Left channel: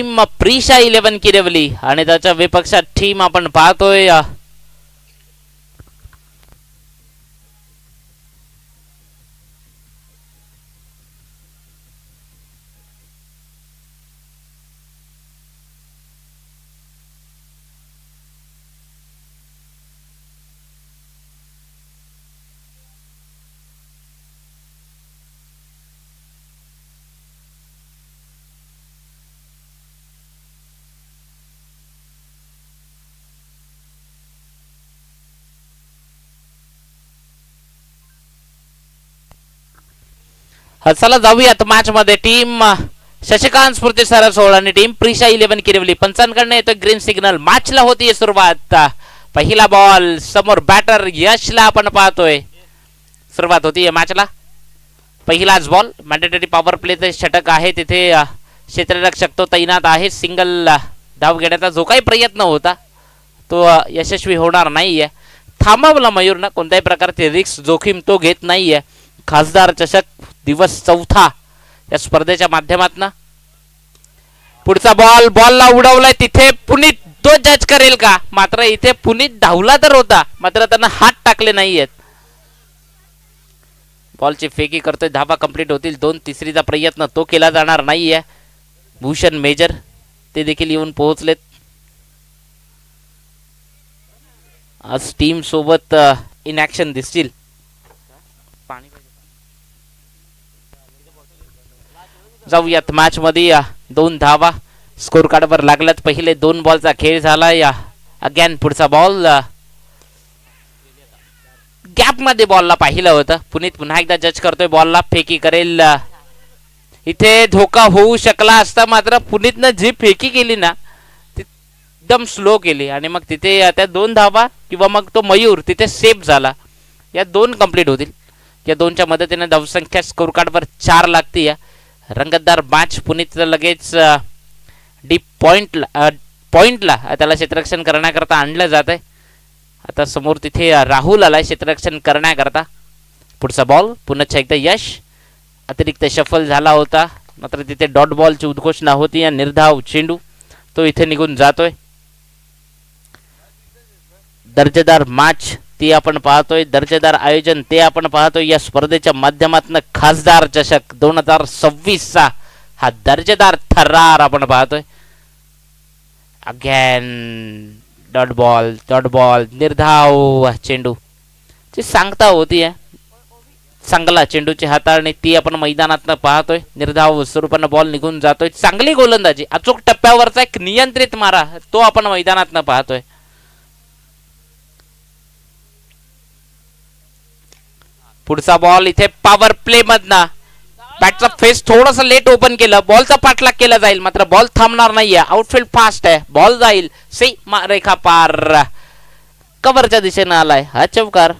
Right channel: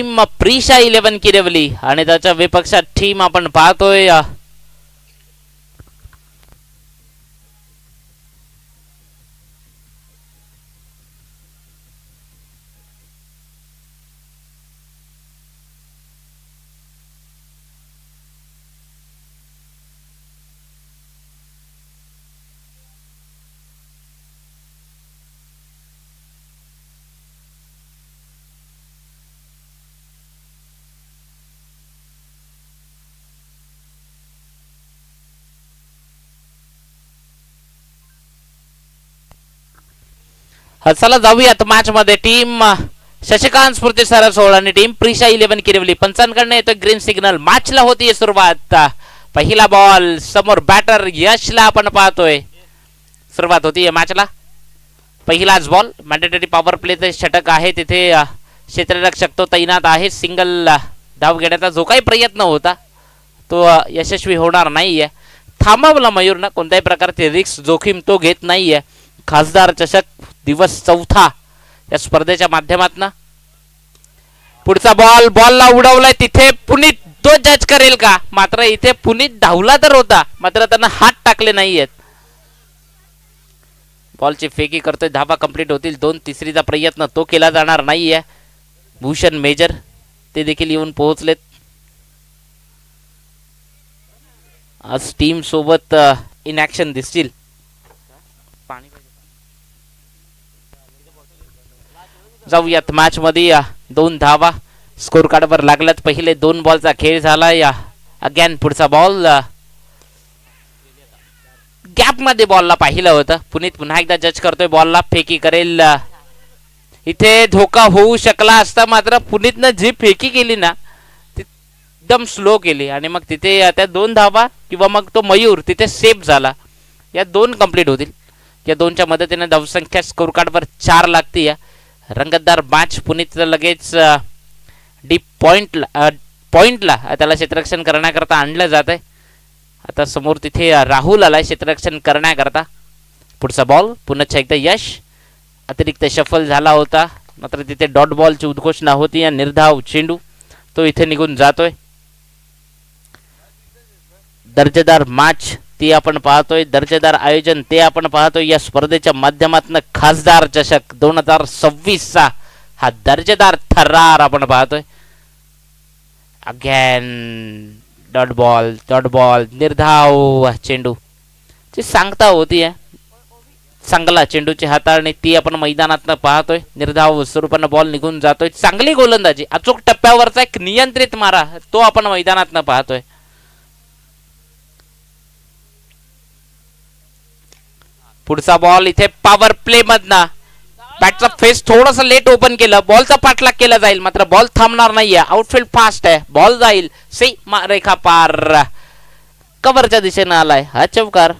Team Prisha 11 किरवली आणि त्याच्या विपक्षात team आपण पाहतोय चला जाऊयात मॅच मध्ये. टीम शशिकांत स्फूर्ती सरसोळ आणि टीम प्रिशा 11 किरवली पंचांकडनं येतोय ग्रीन सिग्नल. मॅचला होतीये सुरुवात. पहिला बॉल समोर बॅटर यशला आपण पाहतोय. सुरुवात होतीये मॅचला. पहिलाच बॉल. मॅन्डेटरी पॉवर प्लेचे षटक आहे तिथे. क्षेत्ररक्षक तो तैनात आहे. सिंगल धाव घेण्याचा जो काही प्रयत्न होता तो यशस्वी होणार नाहीये. थांबवला मयूरनं. कोणत्याही प्रकारची रिस्क जोखीम तो घेत नाहीये. खासदार चषक दिवस चौथा या स्पर्धेच्या माध्यमातून. पुढचा बॉल. बॉलला उडवलाय तिथे पुनीत. तो जज करेल का? मात्र इथे पुनीत धावला तर होता मात्र त्यांना हात टाकले नाहीयेत. बॉलची फेकी करतोय. धावा कंप्लीट होतील. 2 तिसरीचा प्रयत्न तो केला जाणार नाहीये. भूषण मेजर ते देखील येऊन पोहोचलेत. आज टीम सोबत इन ऍक्शन दिसतील. जाऊयात मॅच मध्ये. 2 धावा स्कोर कार्डवर लागल्यात. पहिले 2 बॉलचा खेळ झाला. या अगेन पुढचा बॉल. गॅप मध्ये बॉलला पाहिलं होतं. पुनीत पुन्हा एकदा जज करतोय. बॉलला फेकी करेल. इथे धोका होऊ शकला असता मात्र पुनीतनं जी फेकी केली ना ती एकदम स्लो केली आणि मग तिथे त्या 2 धावा किंवा मग तो मयूर तिथे सेफ झाला. या 2 कंप्लीट होतील. या 2च्या मदतीने धावसंख्या स्कोर कार्डवर 4 लागते. रंगतदार मॅच. पुनीत लगेच डीप पॉइंटला त्याला क्षेत्ररक्षण करण्याकरता आणलं जात आहे. आता समोर तिथे राहुल आलाय क्षेत्ररक्षण करण्याकरता. पुढचा बॉल. पुन्हा एकदा यश. अतिरिक्त शफल झाला होता मात्र तिथे डॉट बॉलची उद्घोषणा होती. या निर्धाव चेंडू तो इथे निघून जातोय. दर्जेदार मॅच ती आपण पाहतोय. दर्जेदार आयोजन ते आपण पाहतोय. या स्पर्धेच्या माध्यमातून खासदार चषक 2026चा हा दर्जेदार थरार आपण पाहतोय. अगेन डॉट बॉल निर्धाव चेंडू ची सांगता होती. चांगला चेंडूची हाताळणी ती आपण मैदानात पाहतोय. निर्धाव स्वरूपानं बॉल निघून जातोय. चांगली गोलंदाजी. अचूक टप्प्यावरचा एक नियंत्रित मारा तो आपण मैदानात पाहतोय. पुढचा बॉल. इथे पॉवर प्ले मधनं बॅटचा फेस थोडंसं लेट ओपन केलं. बॉलचा पाठलाग केला जाईल मात्र बॉल थांबणार नाहीये. आउटफील्ड फास्ट आहे. बॉल जाईल सीमा रेखा पार. कव्हरच्या दिशेनं आलाय हा चौकार.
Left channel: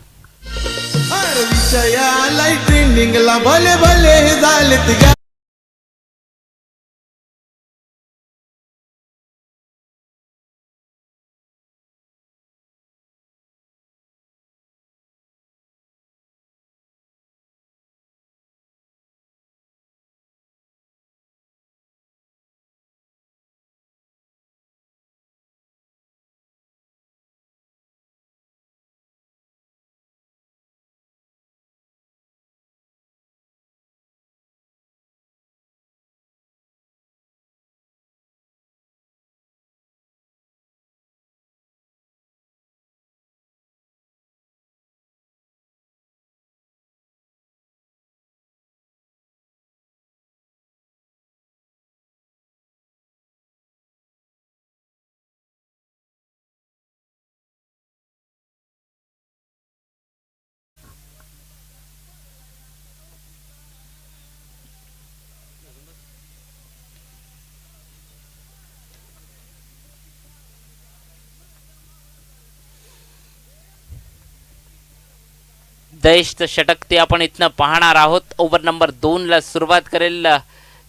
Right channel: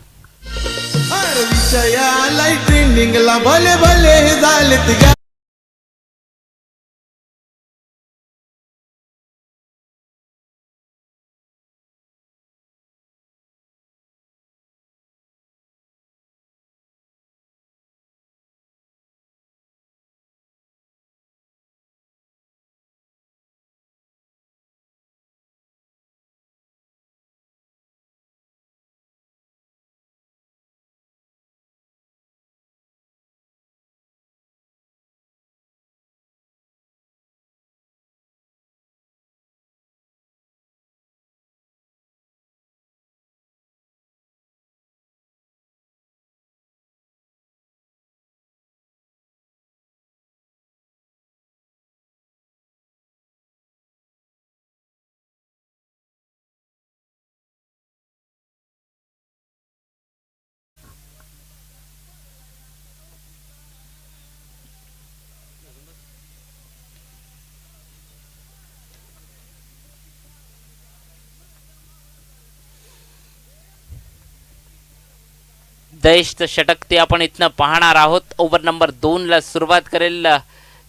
दहेशचं षटक ते आपण इथनं पाहणार आहोत. ओव्हर नंबर 2 ला सुरुवात करेल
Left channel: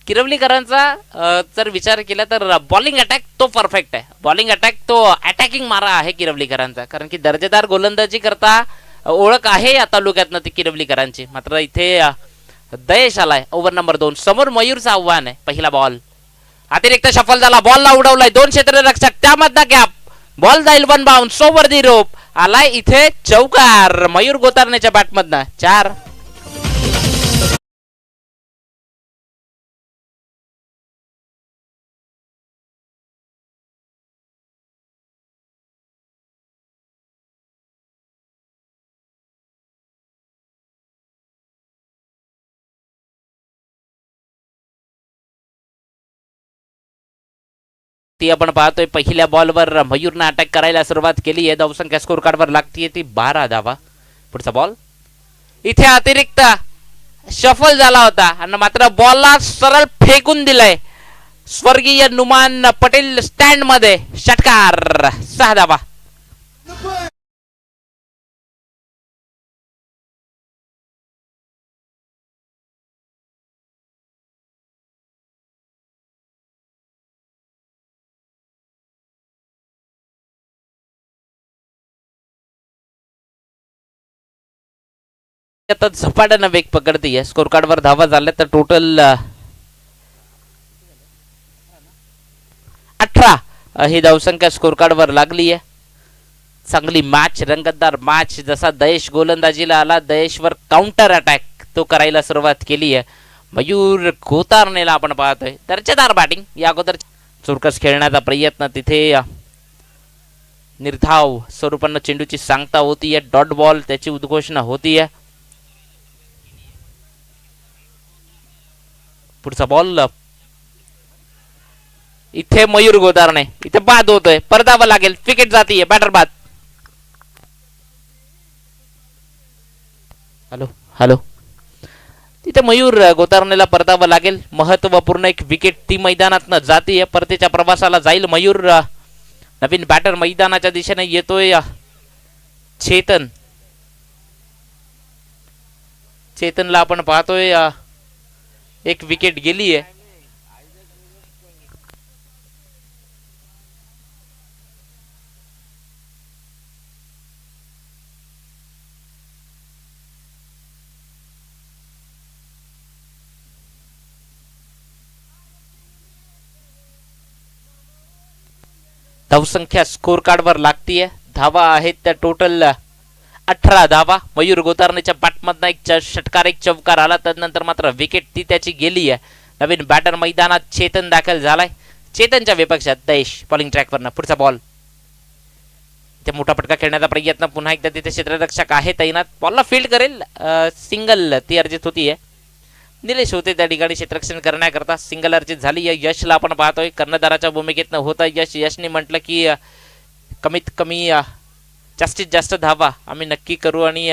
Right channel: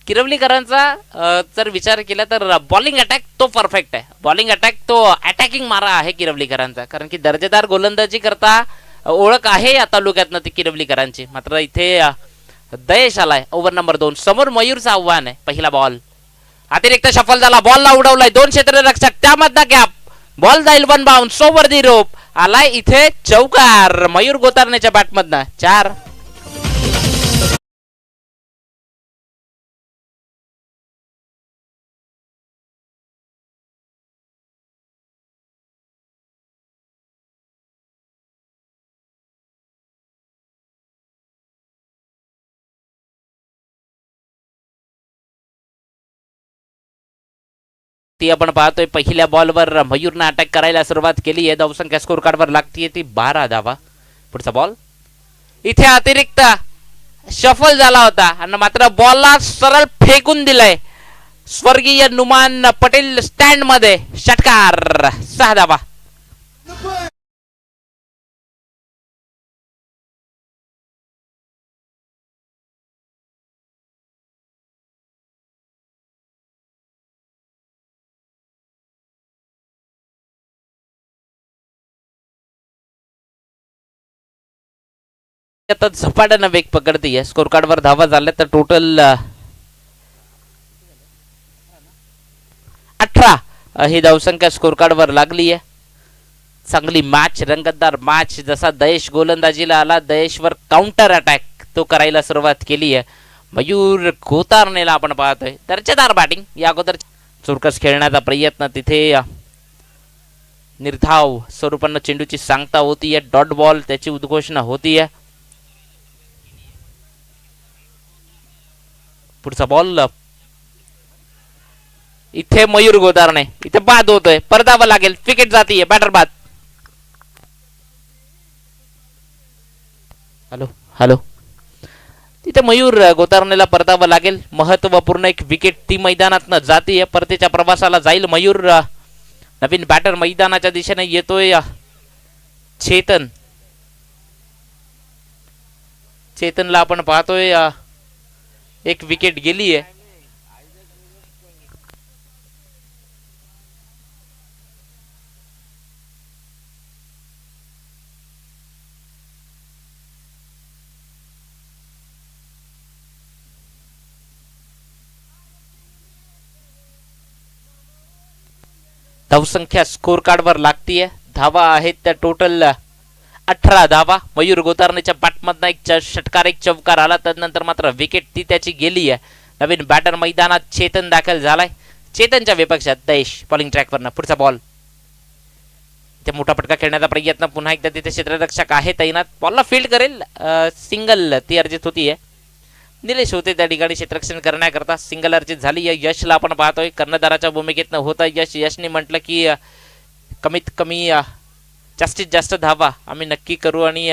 किरवलीकरांचा. जर विचार केला तर बॉलिंग अटॅक तो परफेक्ट आहे. बॉलिंग अटॅक तो अटॅकिंग मारा आहे किरवलीकरांचा. कारण की दर्जेदार गोलंदाजी करता ओळख आहे या तालुक्यातनं ती किरवलीकरांची. मात्र इथे दयेश आलाय. ओव्हर नंबर 2 समोर मयूरचं आव्हान आहे. पहिला बॉल अतिरिक्त सफल झाला, बॉलला उडवलाय 2 क्षेत्ररक्षक, त्यामधनं गॅप, बॉल जाईल 1 बाउन्स ओव्हर दी रोप, आलाय इथे चौकार मयूर गोतारण्याच्या बॅटमधनं 4. ती आपण पाहतोय पहिल्या बॉलवर मयूरनं अटॅक करायला सुरुवात केली आहे. धावसंख्या स्कोर कार्डवर लागतीये ती 12 धावा. पुढचा बॉल इथे अतिरिक्त शफल झाला होता आणि मात्र बॉलला सरळ फेकून दिलाय स्वर्गीय नुमान पटेल स्टँड मध्ये, षटकार 6 धावा. आता झपाट्यानं वेग पकडतीये. स्कोर कार्डवर धावा झाल्या तर टोटल 18 ही धावसंख्या स्कोर कार्डवर लागली आहे. चांगली मॅच, रंगतदार मॅच. जसा दयेश गोलंदाजीला आला, दयेशवर काउंटर अटॅक तो करायला सुरुवात केली आहे. मयूर गोतारनेला आपण पाहतोय दर्जेदार बॅटिंग. या अगोदर चुरकस खेळण्याचा प्रयत्न, तिथे निर्धाव स्वरूपानं चेंडूची सांगता होतीये. डॉट बॉल त्याची उद्घोषणा होतीये. पुढचा बॉल इथे मयूर गोतारणे, इथे बाद होतोय, परतावा लागेल, विकेट जातीये, बॅटर बाद. हॅलो हॅलो, तिथे मयूर गोतारनेला परतावा लागेल. महत्वपूर्ण एक विकेट ती मैदानात जातीये. परतीच्या प्रवासाला जाईल मयूर. नवीन बॅटर मैदानाच्या दिशेने येतोय. चेतन, चेतनला आपण पाहतोय एक विकेट गेली आहे. धावसंख्या स्कोर कार्डवर लागतीये. धावा आहेत त्या टोटल 18 धावा. मयूर गोतारनेच्या बॅटमधनं एक षटकार, एक चौकार आला, त्यानंतर मात्र विकेट ती त्याची गेली आहे. नवीन बॅटर मैदानात चेतन दाखल झालाय. चेतनच्या विपक्षात दयेश बॉलिंग ट्रॅकवरनं. पुढचा बॉल ते मोठा फटका खेळण्याचा प्रयत्न, पुन्हा एकदा तिथे क्षेत्ररक्षक आहे तैनात, बॉलला फील्ड करेल, सिंगल ती अर्जित होतीये. निलेश होते त्या ठिकाणी क्षेत्ररक्षण करण्याकरता, सिंगल अर्जित झाली आहे. यशला आपण पाहतोय कर्णधाराच्या भूमिकेतनं होता यश. यशने म्हटलं की कमीत कमी जास्तीत जास्त धावा आम्ही नक्की करू आणि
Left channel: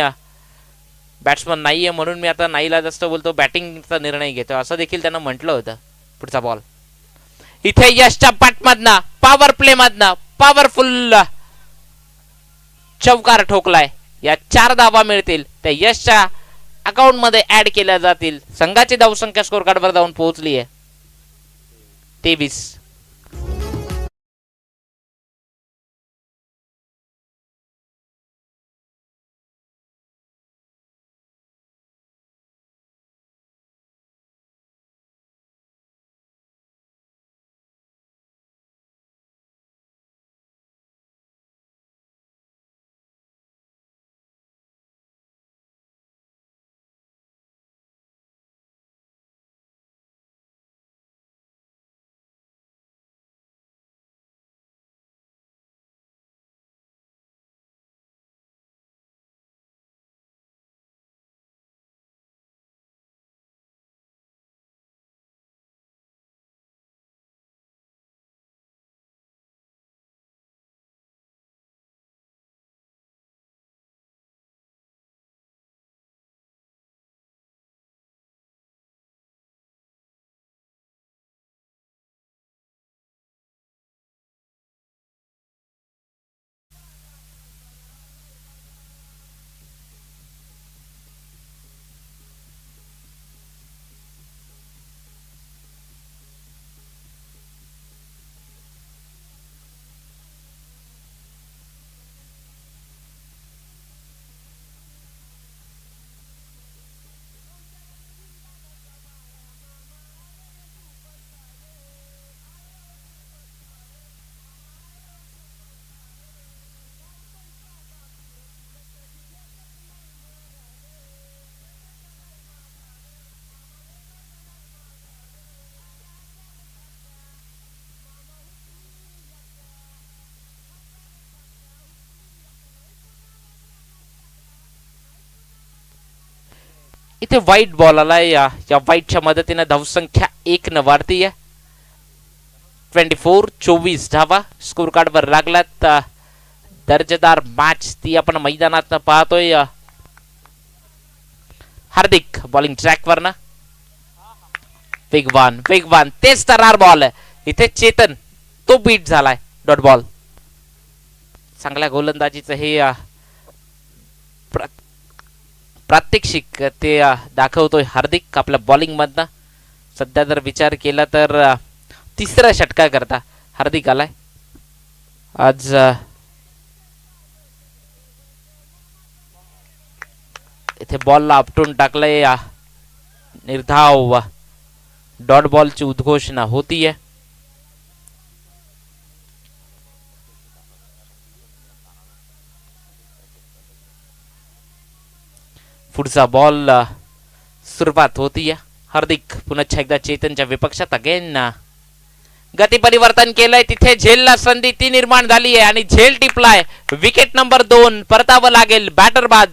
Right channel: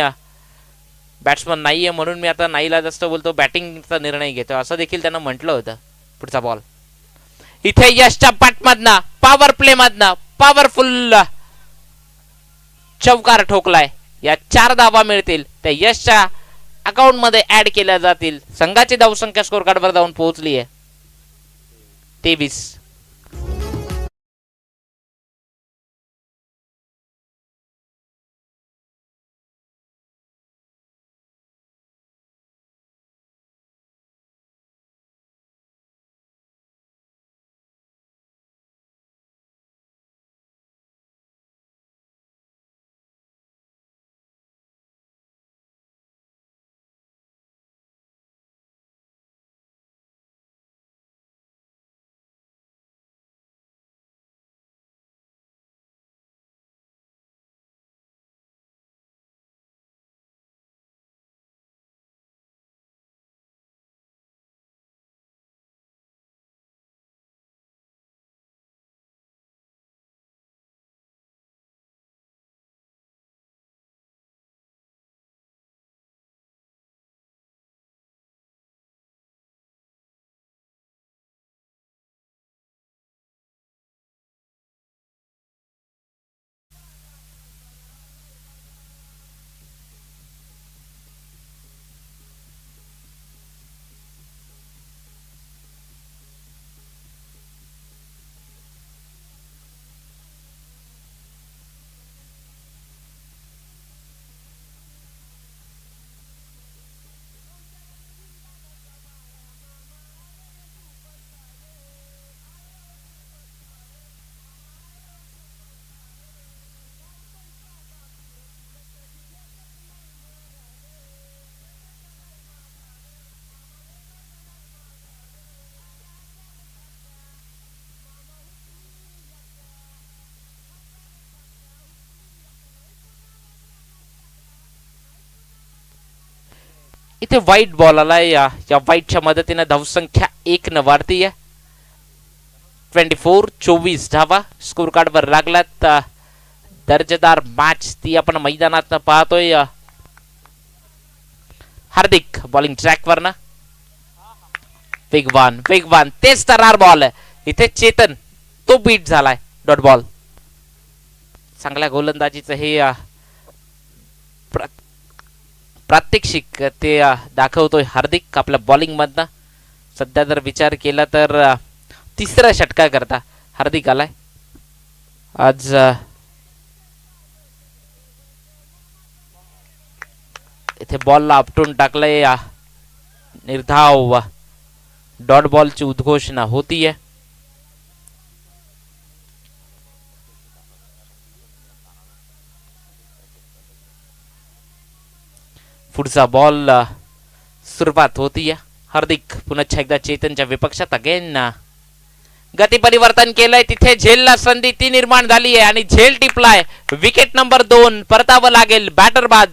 बॅट्समन नाहीये म्हणून मी आता नाहीला जास्त बोलतो, बॅटिंगचा निर्णय घेतो, असं देखील त्यानं म्हटलं होतं. पुढचा बॉल इथे यशच्या बॅटमधनं, पॉवर प्ले मधनं पॉवरफुल चौकार ठोकलाय. या 4 धावा मिळतील, त्या यशच्या अकाउंट मध्ये ऍड केल्या जातील. संघाची धावसंख्या स्कोर कार्डवर जाऊन पोहोचली आहे 23. इथे वाईट बॉल आलाय, या वाईटच्या मदतीने धावसंख्या 1 न वाढतीये. 24 धावा स्कोर कार्ड वर लागलात. दर्जेदार मॅच ती आपण मैदानात पाहतोय. हार्दिक बॉलिंग ट्रॅक वरना वेगवान वेगवान तेच तरार बॉल. इथे चेतन तो बीट झालाय. Dot ball. चांगल्या गोलंदाजीचं हे प्रात्यक्षिक ते दाखवतोय हार्दिक आपल्या बॉलिंग मधनं. सध्या जर विचार केला तर तिसरा षटका करता हार्दिक आलाय आज. इथे बॉलला आपटून टाकलंय. निर्धाव डॉट बॉलची उद्घोषणा होतीये. पुढचा बॉल सुरुवात होतीये. हार्दिक पुन्हा एकदा चेतनच्या विपक्षात. अगेन गती परिवर्तन केलंय. तिथे झेलला संधी ती निर्माण झाली आहे आणि झेल टिपलाय. विकेट नंबर 2 परतावं लागेल बॅटर बाद.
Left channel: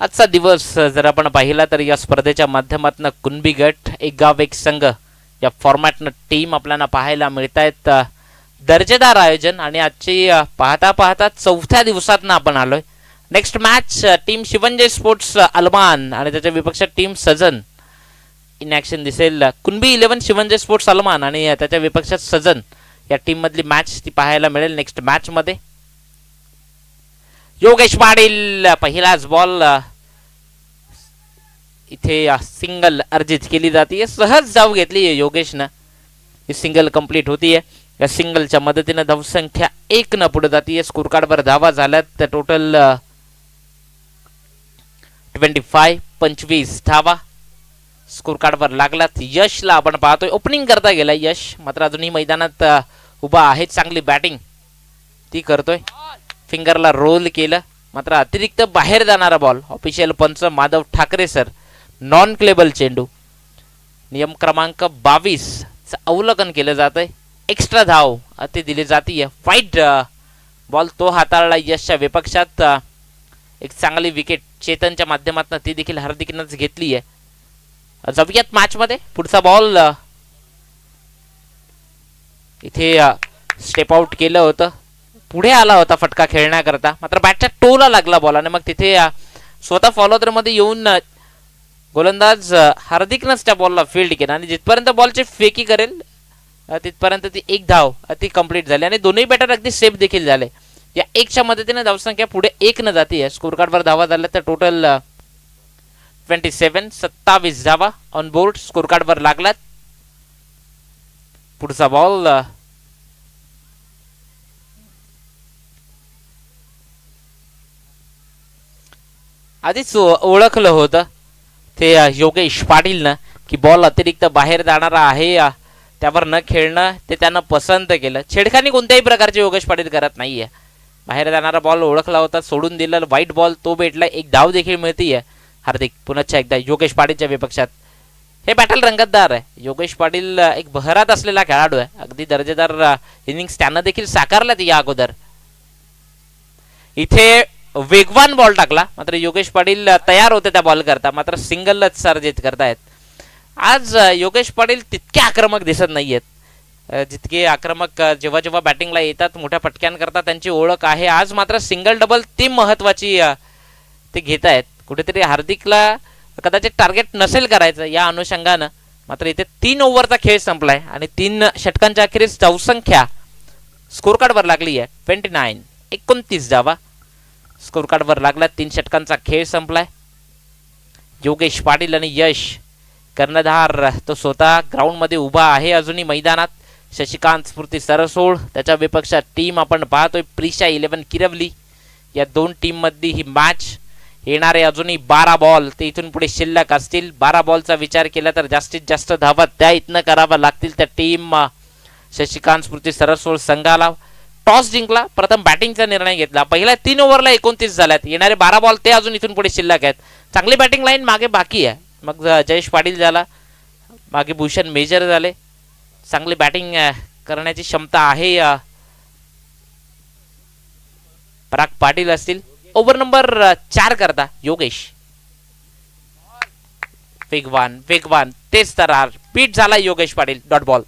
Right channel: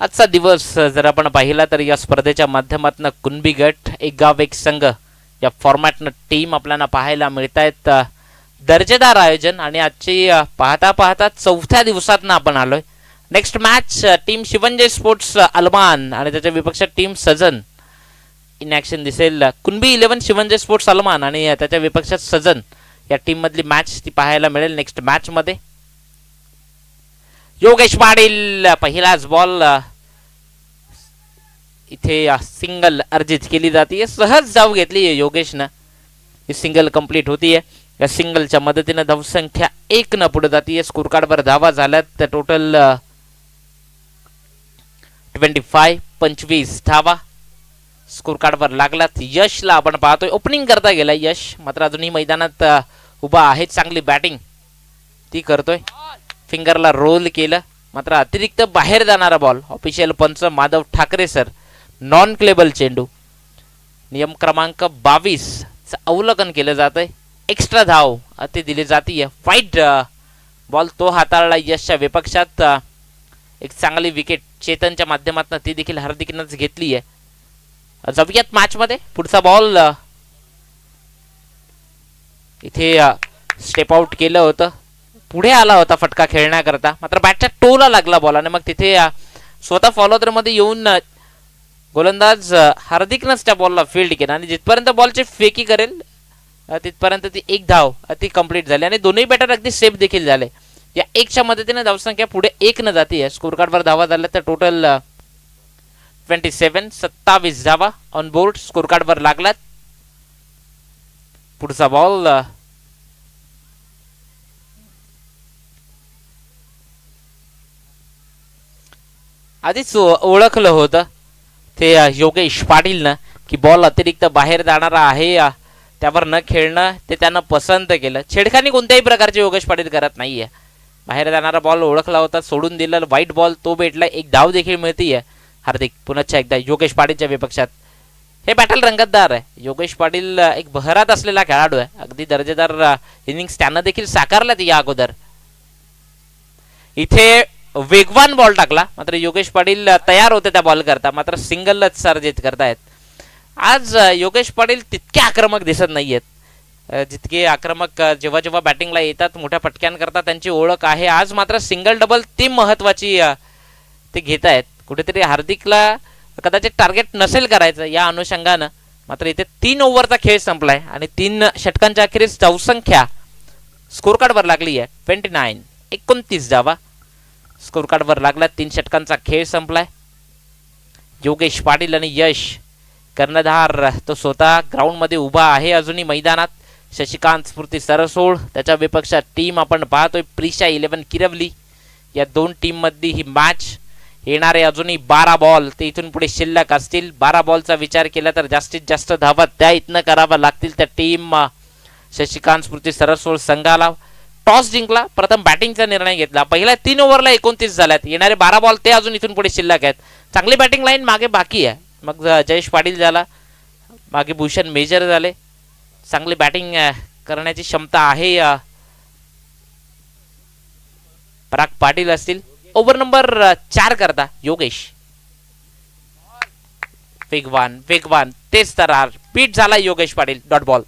आजचा दिवस जर आपण पाहिला तर या स्पर्धेच्या माध्यमातून कुणबी गट एक गाव एक संघ या फॉर्मॅटनं टीम आपल्याला पाहायला मिळतायत. दर्जेदार आयोजन आणि आजची पाहता पाहता 4थ्या दिवसातनं आपण आलोय. नेक्स्ट मॅच टीम शिवंजय स्पोर्ट्स अलमान आणि त्याच्या विपक्षात टीम सजन इन ॲक्शन दिसेल. कुणबी 11 शिवंजय स्पोर्ट्स अलमान आणि त्याच्या विपक्षात सजन या टीम मधली मॅच ती पाहायला मिळेल नेक्स्ट मॅच मध्ये. योगेश पाटील पहिलाच बॉल इथे सिंगल अर्जित केली जाते. सहज जाऊ घेतली योगेशनं. ही सिंगल कंप्लीट होतीये. या सिंगलच्या मदतीने धावसंख्या 1 न पुढे जाते. स्कोर कार्ड वर धावा झाल्यात टोटल 25 धावा स्कोर कार्ड वर लागलात. यशला आपण पाहतोय ओपनिंग करता गेला यश, मात्र अजूनही मैदानात उभा आहे. चांगली बॅटिंग ती करतोय. फिंगरला रोल केलं, मात्र अतिरिक्त बाहेर जाणारा बॉल. ऑफिशियल पंच माधव ठाकरे सर. नॉन क्लेबल चेंडू. नियम क्रमांक 22 अवलोकन केलं जातंय. एक्स्ट्रा धाव अति दिली जातीये. वाईट बॉल तो हाताळला यशच्या विपक्षात. एक चांगली विकेट चेतनच्या माध्यमातून ती देखील हार्दिकनंच घेतली आहे. जाऊयात मॅच मध्ये. पुढचा बॉल इथे स्टेप आउट केलं होतं. पुढे आला होता फटका खेळण्याकरता, मात्र बॅटच्या टोला लागला बॉल आणि मग तिथे स्वतः फॉलोअर मध्ये येऊन गोलंदाज हार्दिकनंच त्या बॉलला फील्ड केला आणि जिथपर्यंत बॉलची फेकी करेल तिथपर्यंत ती एक धाव ती कंप्लीट झाली आणि दोन्ही बॅटर अगदी सेफ देखील झाले. या 1च्या मदतीने धावसंख्या पुढे 1 न जाते. स्कोर कार्ड वर धावा झाल्या तर टोटल 27 धावा ऑन बोर्ड स्कोर कार्ड वर लागलात. पुढचा बॉल आधीच ओळखलं होतं ते योगेश पाटीलनं की बॉल अतिरिक्त बाहेर जाणारा आहे, त्यावर न खेळणं ते त्यानं पसंत केलं. छेडखानी कोणत्याही प्रकारचे योगेश पाटील करत नाहीये. बाहेर जाणारा बॉल ओळखला होता, सोडून दिलं. वाईट बॉल तो भेटला. एक धाव देखील मिळतीये. हार्दिक पुन्हा एकदा योगेश पाटीलच्या विपक्षात. हे बॅटल रंगतदार आहे. योगेश पाटील एक बहरात असलेला खेळाडू आहे. अगदी दर्जेदार इनिंग्स त्यानं देखील साकारल्यात या अगोदर. इथे वेगवान बॉल टाकला, मात्र योगेश पाटील तयार होते त्या बॉल करता, मात्र सिंगलच सर्जित करतायत. आज योगेश पाटील तितके आक्रमक दिसत नाहीयेत जितके आक्रमक जेव्हा जेव्हा बॅटिंगला येतात. मोठ्या फटक्यांकरता त्यांची ओळख आहे. आज मात्र सिंगल डबल ती महत्वाची ते घेत आहेत. कुठेतरी हार्दिकला कदाचित टार्गेट नसेल करायचं या अनुषंगानं, मात्र इथे 3 ओव्हरचा खेळ संपलाय आणि 3 षटकांच्या अखेरीस धावसंख्या स्कोर कार्ड वर लागली आहे 29 धावा स्कोर कार्ड वर लागला. 3 षटकांचा खेळ संपलाय. योगेश पाटील आणि यश कर्णधार तो स्वतः ग्राउंड मध्ये उभा आहे अजूनही मैदानात. शशिकांत स्फूर्ती सरसोड त्याच्या विपक्षात टीम आपण पाहतोय प्रिशा 11 किरवली. या दोन टीम मधली ही मॅच. येणारे अजूनही 12 बॉल ते इथून पुढे शिल्लक असतील. 12 बॉलचा विचार केला तर जास्तीत जास्त धावा त्या इथनं कराव्या लागतील त्या टीम शशिकांत स्फूर्ती सरसोड संघाला. टॉस जिंकला, प्रथम बॅटिंगचा निर्णय घेतला. पहिल्या 3 ओव्हरला 29 झाल्यात. येणारे 12 बॉल ते अजून इथून पुढे शिल्लक आहेत. चांगली बॅटिंग लाईन मागे बाकी आहे. मग जयेश पाटील झाला, मागे भूषण मेजर झाले. चांगली बॅटिंग करण्याची क्षमता आहे. पराग पाटील असतील. ओव्हर नंबर 4 करता योगेश. वेगवान वेगवान तेच तर बीट झाला योगेश पाटील. Dot ball.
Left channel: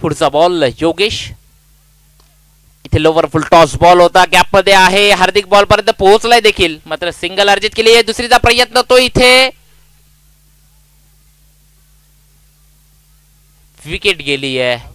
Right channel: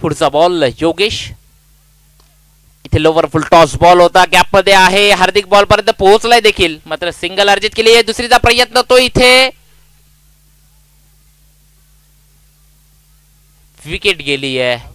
पुढचा बॉल योगेश. इथे लोवर फुल टॉस बॉल होता, गॅप मध्ये आहे. हार्दिक बॉल पर्यंत पोहोचलाय देखील, मात्र सिंगल अर्जित केली आहे. दुसरीचा प्रयत्न तो इथे विकेट गेली आहे.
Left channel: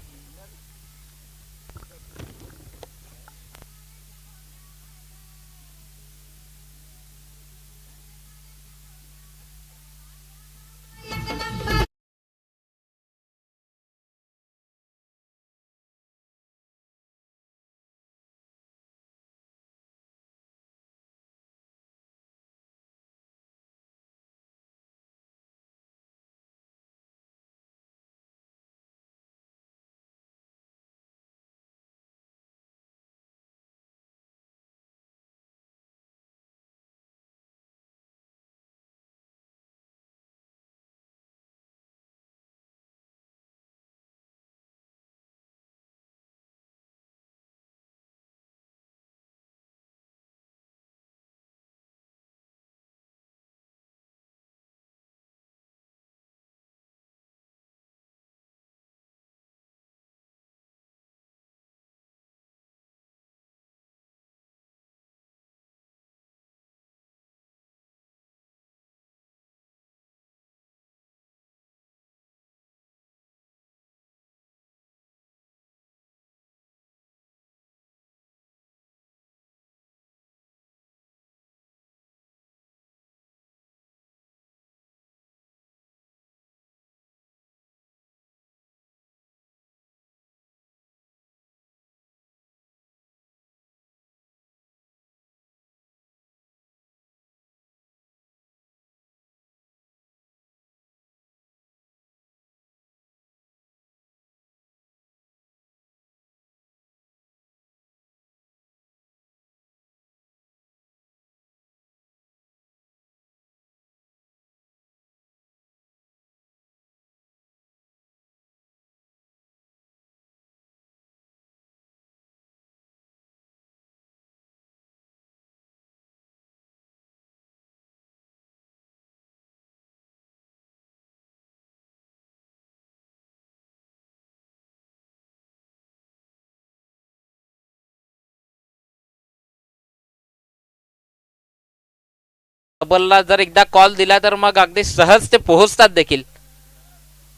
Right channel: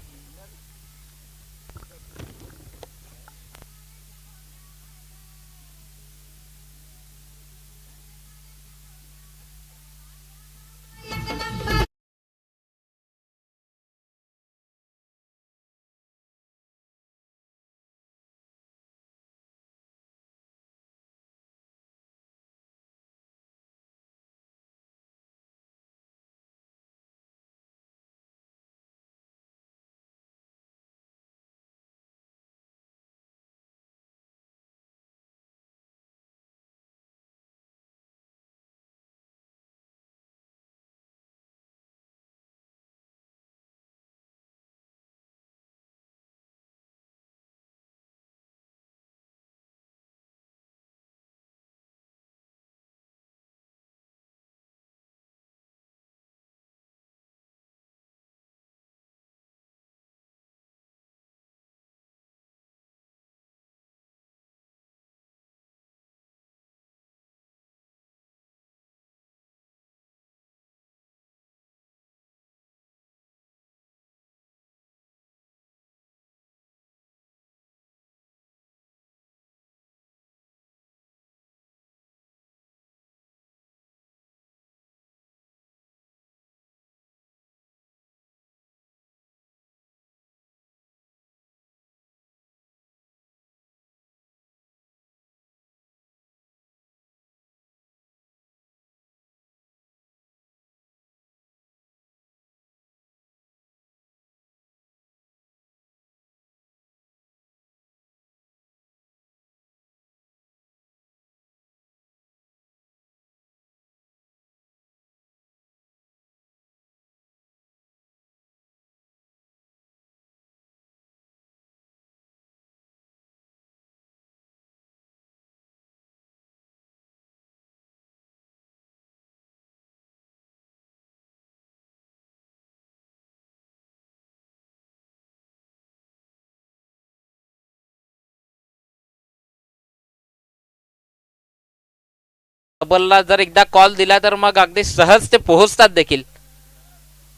डबलला जर एकदा कॉल दिला तर मग अगदी सहज ते पोहोचतात देखील.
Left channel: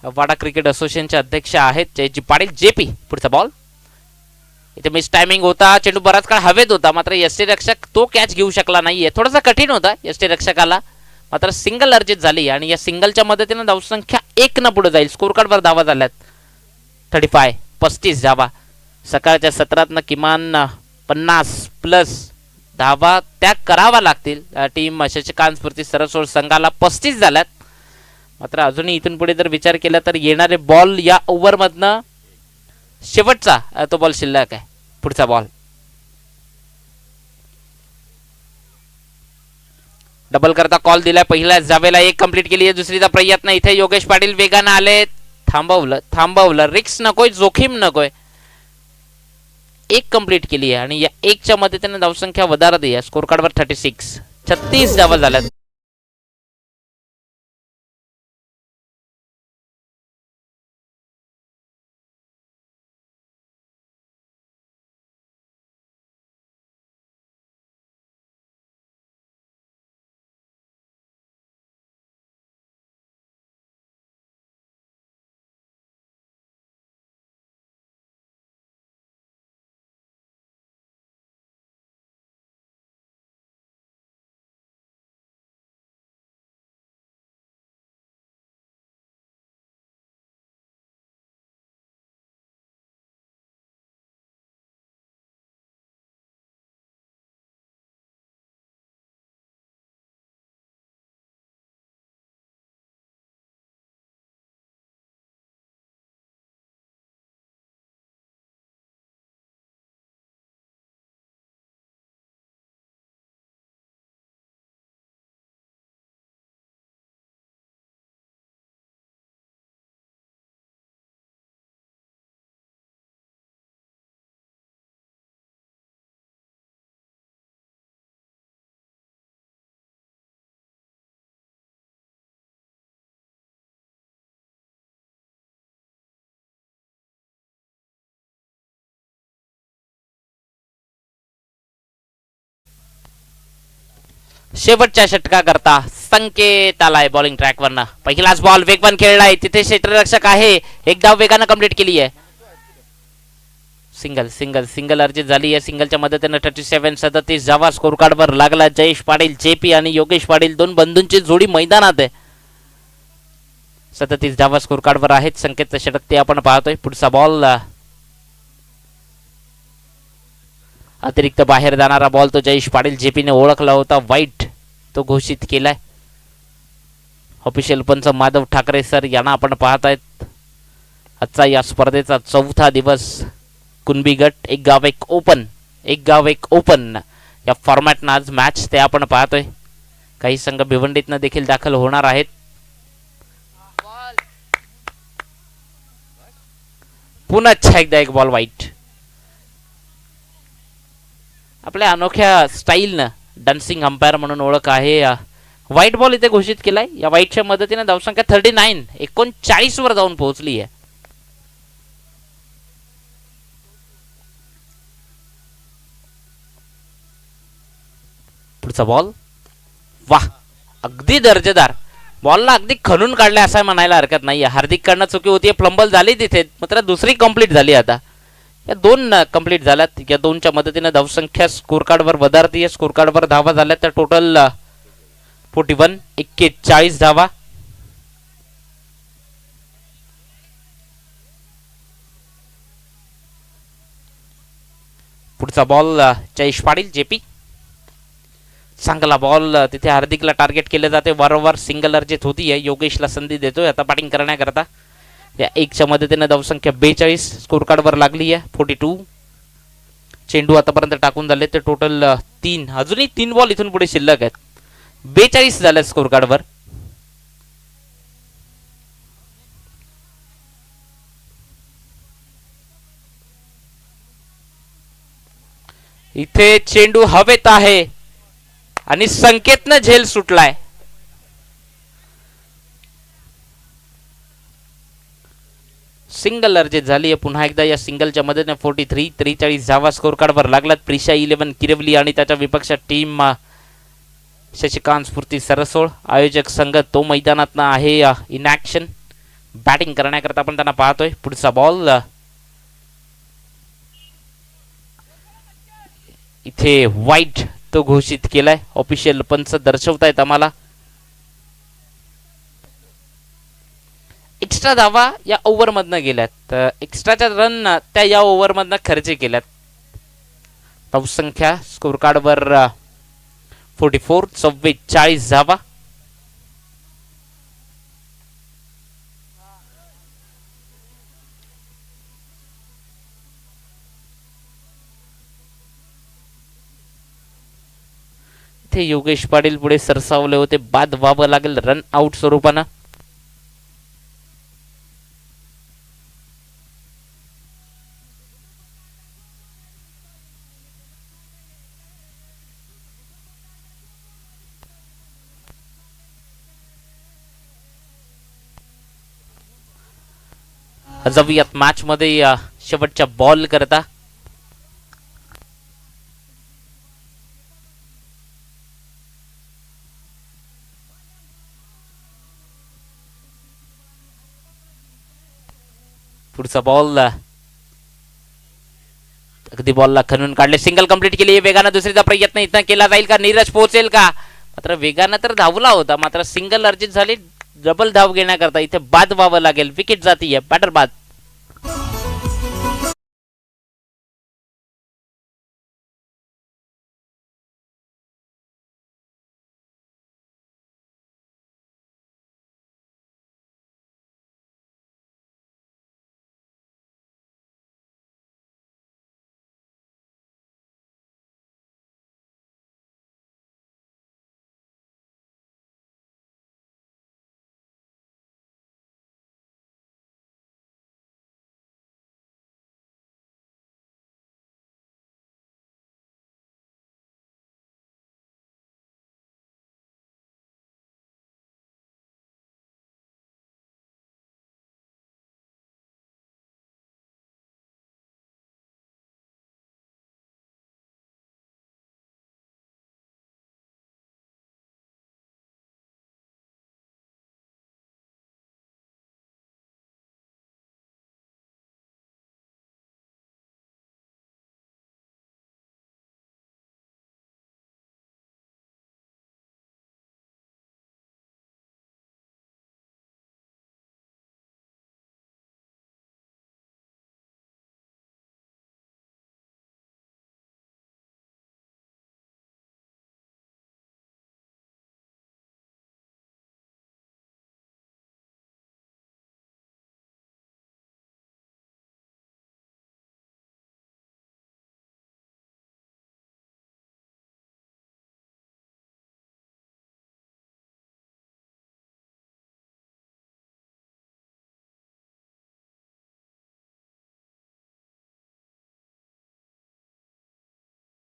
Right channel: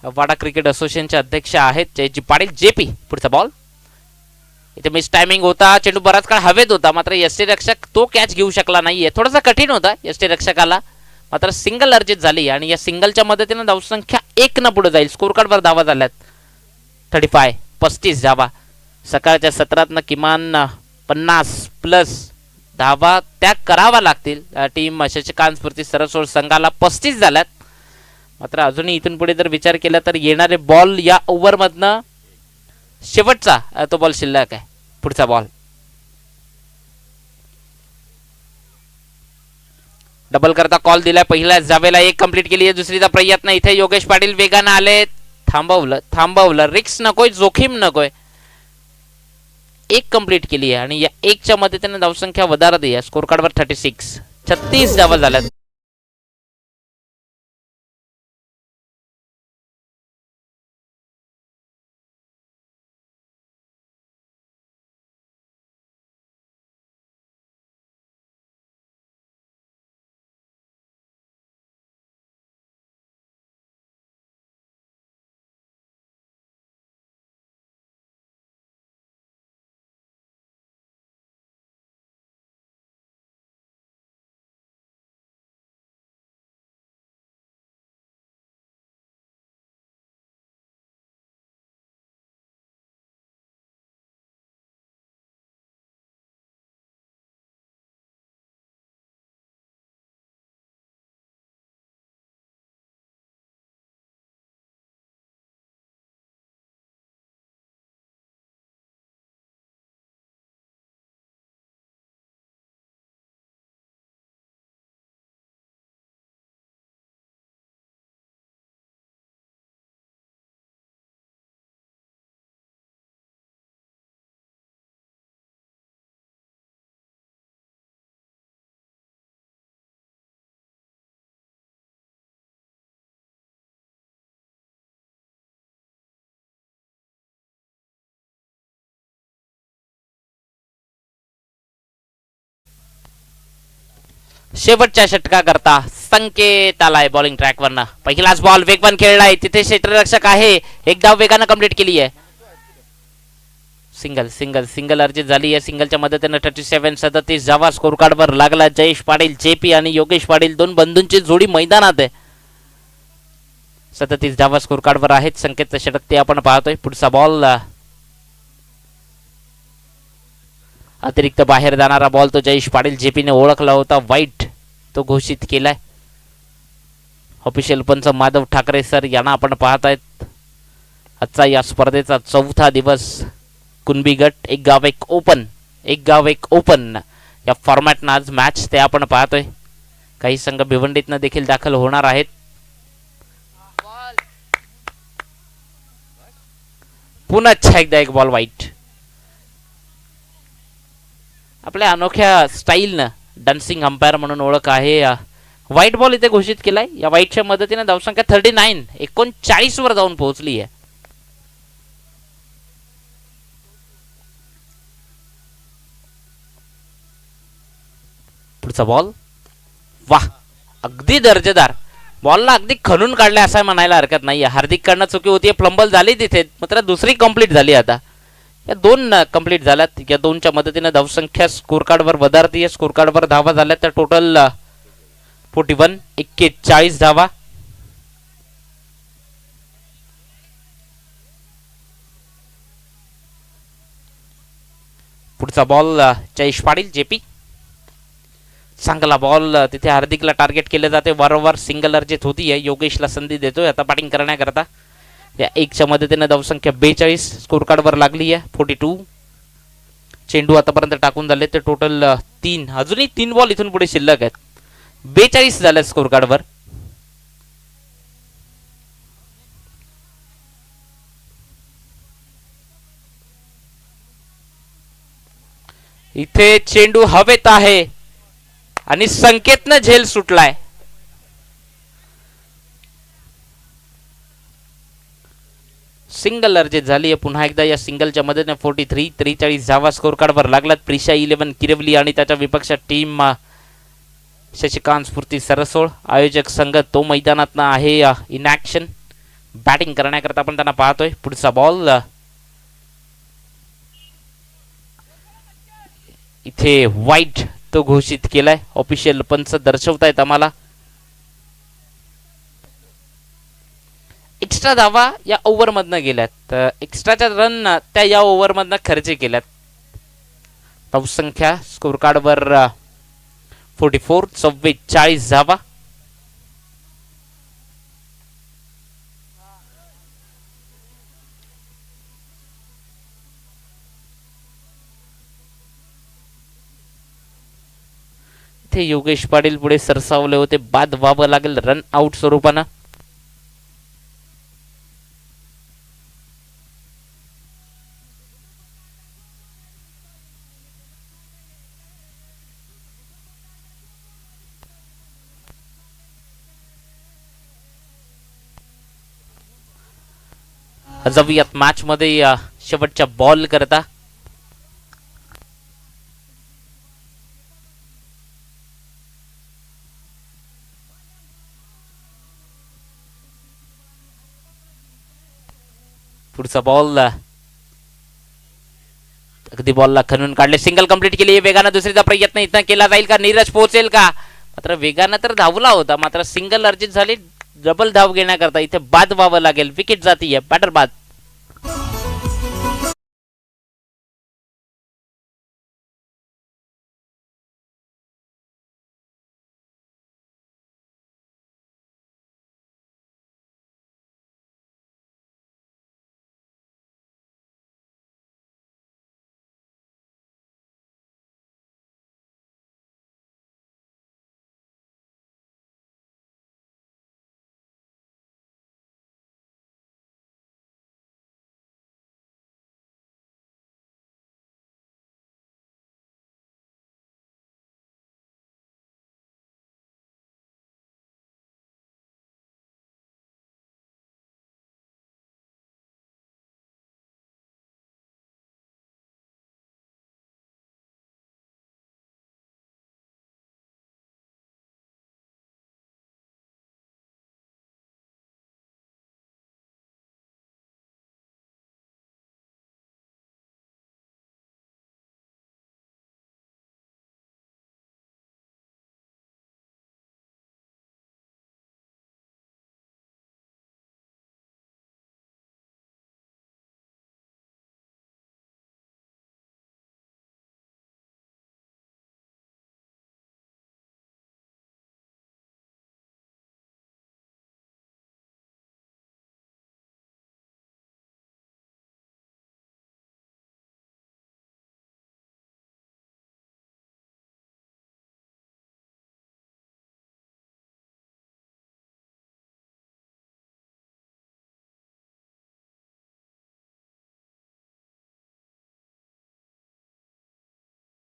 वाडा क्रिकेट असोसिएशनचे अध्यक्ष आहेत जयजी पाटील जेपी. पुढचा बॉल. इथे मिस टायमिंग होता, चेंडू बराच काळ हवेत होता, मात्र यष्टी रक्षक तो कॅच घेऊ शकला नाहीये. थोडासा कठीण होता यष्टी रक्षकाला, मात्र सिंगल अर्जित झाली आणि या सिंगलच्या मदतीने धावसंख्या 1 न पुढे जाईल. स्कोर कार्डवर धावा झाल्यात 35 धावा. सकाळच्या सत्रातनं किमान 50 प्लस धावा त्या करावा लागतील. टीम शशिकांत स्फूर्ती सरसोड संघाला 35 झाल्यात. मात्र अजूनही इथून पुढे जर विचार केला तर येणारे बॉल या ओव्हर मधनं शेवटचा तो बॉल शिल्लक आहे. पुढचा बॉल. डबल करता कॉल दिलाय. पहिल्या जावेला 1 कंप्लीट केली आहे. दुसरीचा प्रयत्न इथे योगेश पाटील वेगानं आले. थांबवलं. रिक्स नकोय, जोखीम नकोय. 1 कंप्लीट केली आहे आणि या 1च्या मदतीने धावसंख्या वधारत आहे. स्कोर कार्डवर 36 धावा झाल्यात. शेवटच्या षटका करता संकेत आलाय बॉलिंग ट्रॅकवरनं. पहिलाच बॉल वेगवान खेळलाय, तिथे क्षेत्ररक्षक आहे, एक धाव वेगानं कंप्लीट केली आहे. सिंगल सिंगल सिंगल अर्जित झाली आहे. सिंगलच्या मदतीनं 37 धावा स्कोर कार्डवर लागला. जयेश पाटील जेपी आणि योगेश पाटील दोन बंधूंची जोडी मैदानात आहे. 37 धावा स्कोर कार्डवर आहेत. संकेतचं षटक ते आपण पाहतोय. पुढचा बॉल अतिरिक्त बाहेर जाणारा बॉल तो जयेश पाटील जेपीने ओळखला होता, वाईट तो घोषित केलाय. ऑफिशियल पंच माधव ठाकरे सर यांना आपण पाहतायत. आजचा या स्पर्धेचा चौथा दिवस. कुणबी गट एक गाव एक ओपन या फॉर्मॅटनं आज मॅच ते आपण पाहतोय. काही संघ भिवंडीतनं देखील दाखल होणार आहेत. पुन्हा एकदा एक बॉल वाईट. आपल्या अनोख्या स्टाईलनं डान्सिंग अंपायर म्हणून ओळख आहे. व्हाईट बॉल इथे घोषित केलाय. या व्हाईटच्या मदतीने धावसंख्या 39 वर जाऊन पोहोचली आहे. पुढचा बॉल वाह, अगदी दर्जेदार. बॉलला अगदी खणून काढले असं म्हणायला हरकत नाही. हार्दिक कडनं चुकी होती, प्लंबल झाली तिथे, मात्र दुसरी कंप्लीट झाली. आता या दोन कंप्लीट झाल्यात. या दोनच्या मदतीने धावसंख्या स्कोर कार्डवर वधारती. स्कोर कार्डवर धावा झाल्या तर टोटल 41 धावा. पुढचा बॉल जयेश पाटील जेपी. चांगला बॉल तिथे हार्दिकला टार्गेट केले जाते. वारंवार सिंगल अर्जित होती आहे. योगेशला संधी देतोय आता बॅटिंग करण्याकरता. या एकच्या मदतीने धावसंख्या 42 स्कोर कार्डवर लागली आहे. 42 चेंडू आतापर्यंत टाकून झाले ते टोटल 3. अजूनही 3 बॉल इथून पुढे शिल्लक आहेत. 42 झाले स्कोर कार्डवर. इथे चेंडू हवेत आहे आणि संकेतनं झेल सुटलाय. सिंगल अर्जित झाली आहे पुन्हा एकदा. या सिंगलच्या मदतीने 43 धावा स्कोर कार्डवर लागलात. प्रिशा 11 किरवली आणि त्याच्या विपक्ष टीम शशिकांत स्फूर्ती सरसोळ. आयोजक संघ तो मैदानात आहे इन ऍक्शन. बॅटिंग करण्याकरता आपण त्यांना पाहतोय. पुढचा बॉल इथे वाईट तो घोषित केलाय. ऑफिशियल पंच दर्शवतायत आम्हाला. एक्स्ट्रा धावा या ओव्हर मधनं गेल्यात. एक्स्ट्राच्या रन त्या या ओव्हर मधनं खर्च केल्यात. धावसंख्या स्कोर कार्डवर 44 धावा. इथे योगेश पाटील पुढे सरसावले होते. बाद व्हावं लागेल रन आउट स्वरूपानं. जाऊयात मॅच मध्ये शेवटच्या बॉल करता. पुढचा बॉल अगदी बॉलला खणून काढले. सिंगल कंप्लीट केली. वेगानं दुसरीचा प्रयत्न इथं केला जाईल का? नीरज पोहोचेल का? मात्र वेगानं तर धावला होता, मात्र सिंगल अर्जित झाली. डबल धाव घेण्याकरता इथे बाद व्हावं लागेल. विकेट जातीय. बॅटर बाद.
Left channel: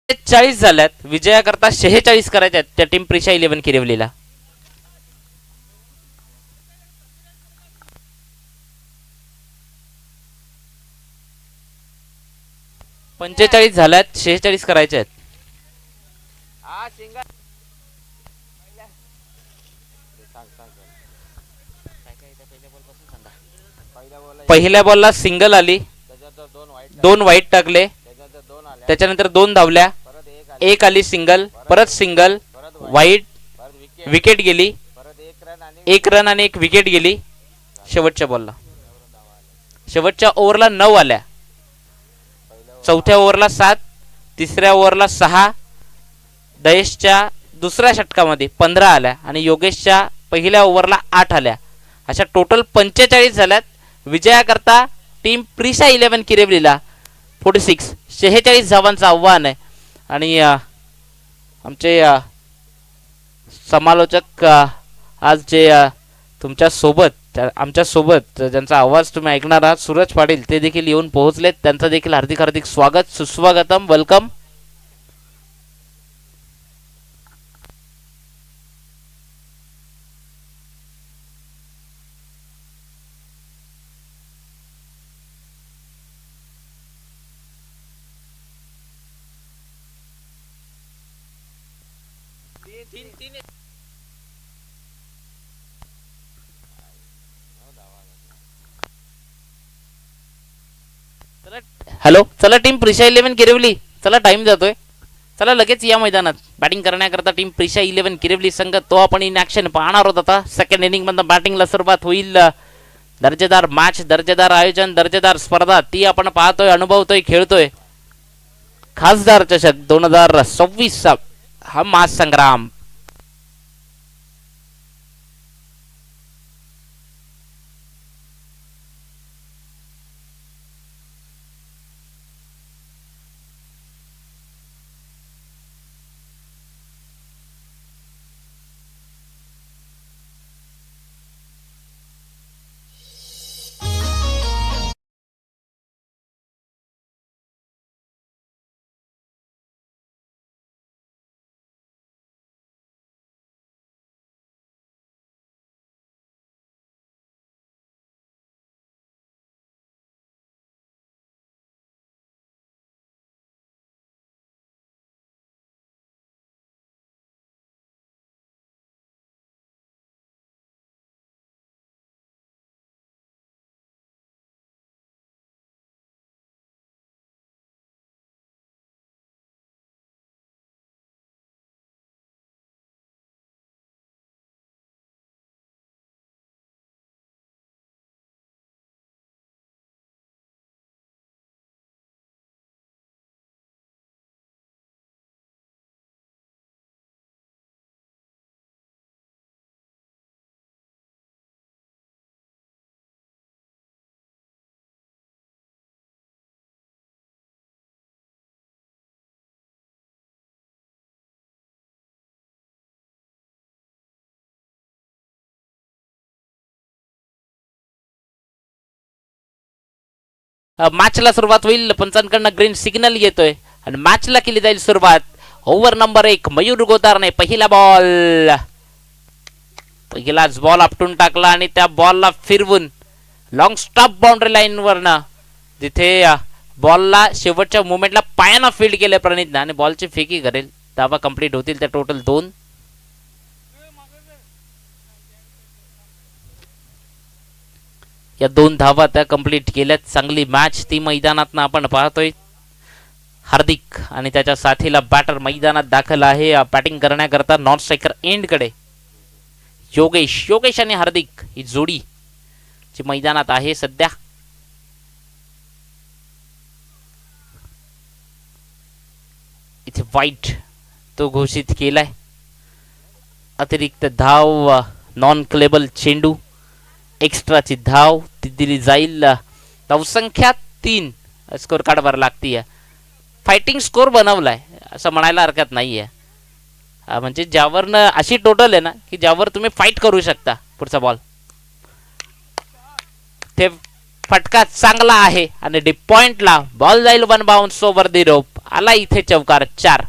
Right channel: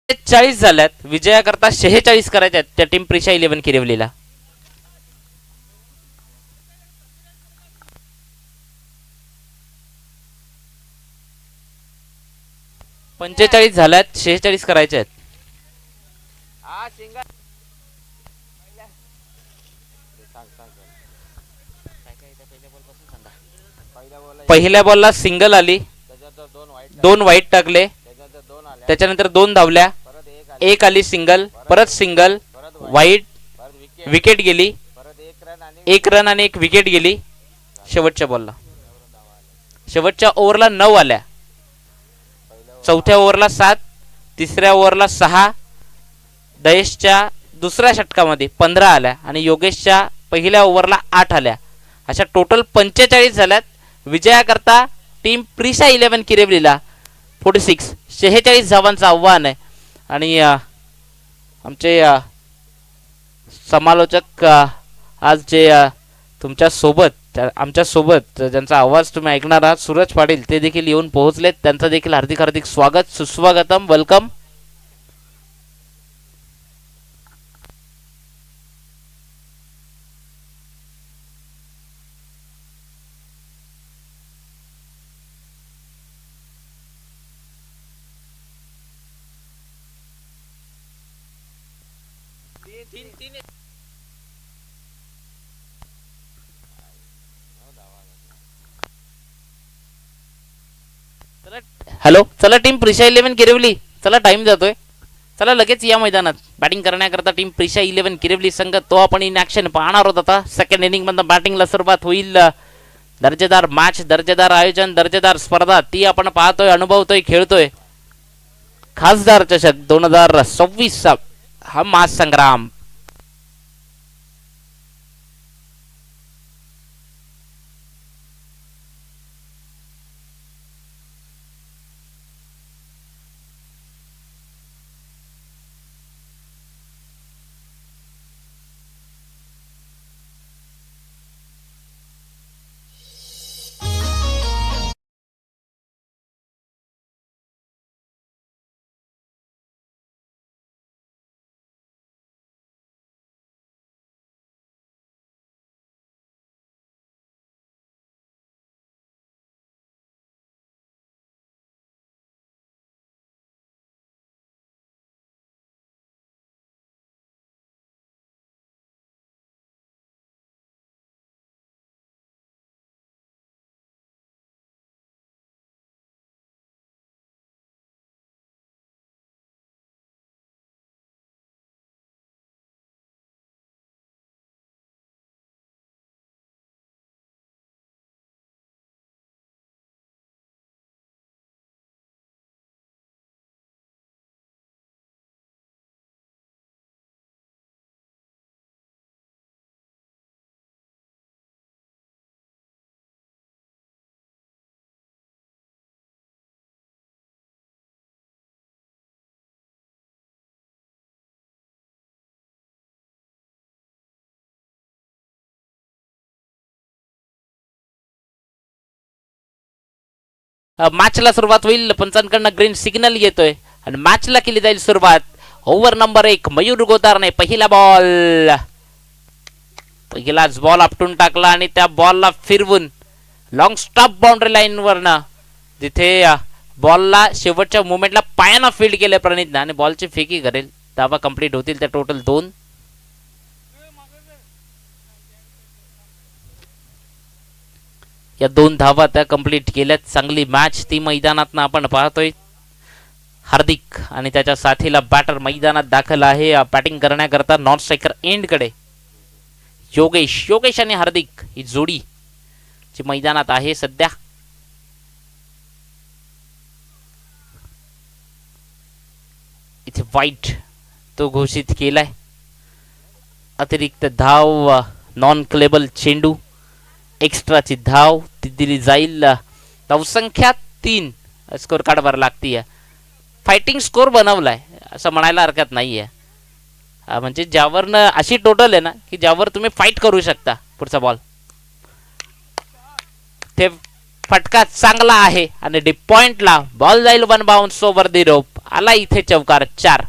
40 झाल्यात. विजयाकरता 46 करायचे आहेत त्या टीम प्रिशा 11 किरिवलीला. पंचेचाळीस झाल्यात, 46 करायचे आहेत. पहिल्या बॉलला सिंगल आली, 2 वाईट टाकले, त्याच्यानंतर 2 धावल्या, 1 आली सिंगल, परत सिंगल, वाईट, विकेट गेली, 1 रन आणि 1 विकेट गेली. शेवटच्या बॉलला, शेवटच्या ओव्हरला 9 आल्या, चौथ्या ओव्हरला 7, तिसऱ्या ओव्हरला 6, दयेशच्या दुसऱ्या षटकामध्ये 15 आल्या आणि योगेशच्या पहिल्या ओव्हरला 8 आल्या. अशा टोटल 45 झाल्यात. विजयाकरता टीम प्रिशा 11 किरिवलीला 46 धावांचं आव्हान आहे. आणि आमचे समालोचक आज जे तुमच्या सोबत, आमच्या सोबत ज्यांचा आवाज तुम्ही ऐकणार आहात, सूरज पाटील, ते देखील येऊन पोहोचलेत. त्यांचं देखील हार्दिक हार्दिक स्वागत, सुस्वागतम, वेलकम. हॅलो, चला टीम प्रिशा 11 किरिवली, चला टाइम जातोय, चला लगेच या मैदानात. बॅटिंग करण्याकरता टीम प्रिशा 11 किरिवली संघ तो आपण इन ॲक्शन पाहणार आहोत. आता सेकंड इनिंग मधून बॅटिंगला सुरुवात होईल. दर्जेदार मॅच, दर्जेदार आयोजन, दर्जेदार स्पर्धा ती आपण पाहतोय, अनुभवतोय, खेळतोय. खासदार चषक 2026 हा महासंग्राम. मॅचला सुरुवात होईल. पंचांकडनं ग्रीन सिग्नल येतोय आणि मॅचला केली जाईल सुरुवात. ओव्हर नंबर 1 मयूर गोतारने पहिला बॉल, पहिलाच बॉल आपटून टाकला आणि त्या बॉलला फिरवून लॉंग स्टॉप बाउंड्री लाईन वरनं, जिथे बॉलला शेवटच्या मुवमेंटला पायानं फील्ड केले प्रणितने आणि बॉलची फेकी करेल. धावा कंप्लीट होतील त्या टोटल 2. या 2 धावा त्या कंप्लीट केल्यात. चांगली मॅच ती मैदानात आपण पाहतोय. हार्दिक आणि त्याच्या साथीला बॅटर मैदानात दाखल आहे बॅटिंग करण्याकरता नॉन स्ट्रायकर एंड कडे. योगेश आणि हार्दिक ही जोडी जी मैदानात आहे सध्या. इथे वाईट तो घोषित केलाय. अतिरिक्त धाव, नॉन क्लेबल चेंडू, एक्स्ट्राची धाव ती दिली जाईल. धावसंख्या 3 स्कोर कार्डवर लागतीये. फायटिंग स्कोर बनवलाय असं म्हणायला हरकत नाहीये. म्हणजे ज्यावरनं अशी टोटल आहे ना की ज्यावर तुम्ही फाईट करू शकता. पुढचा बॉल, ते फटका चांगला आहे आणि डीप पॉइंटला बॉल जाईल 1 बाउन्स ओव्हर दी रोप. आला इथे चौकार 4.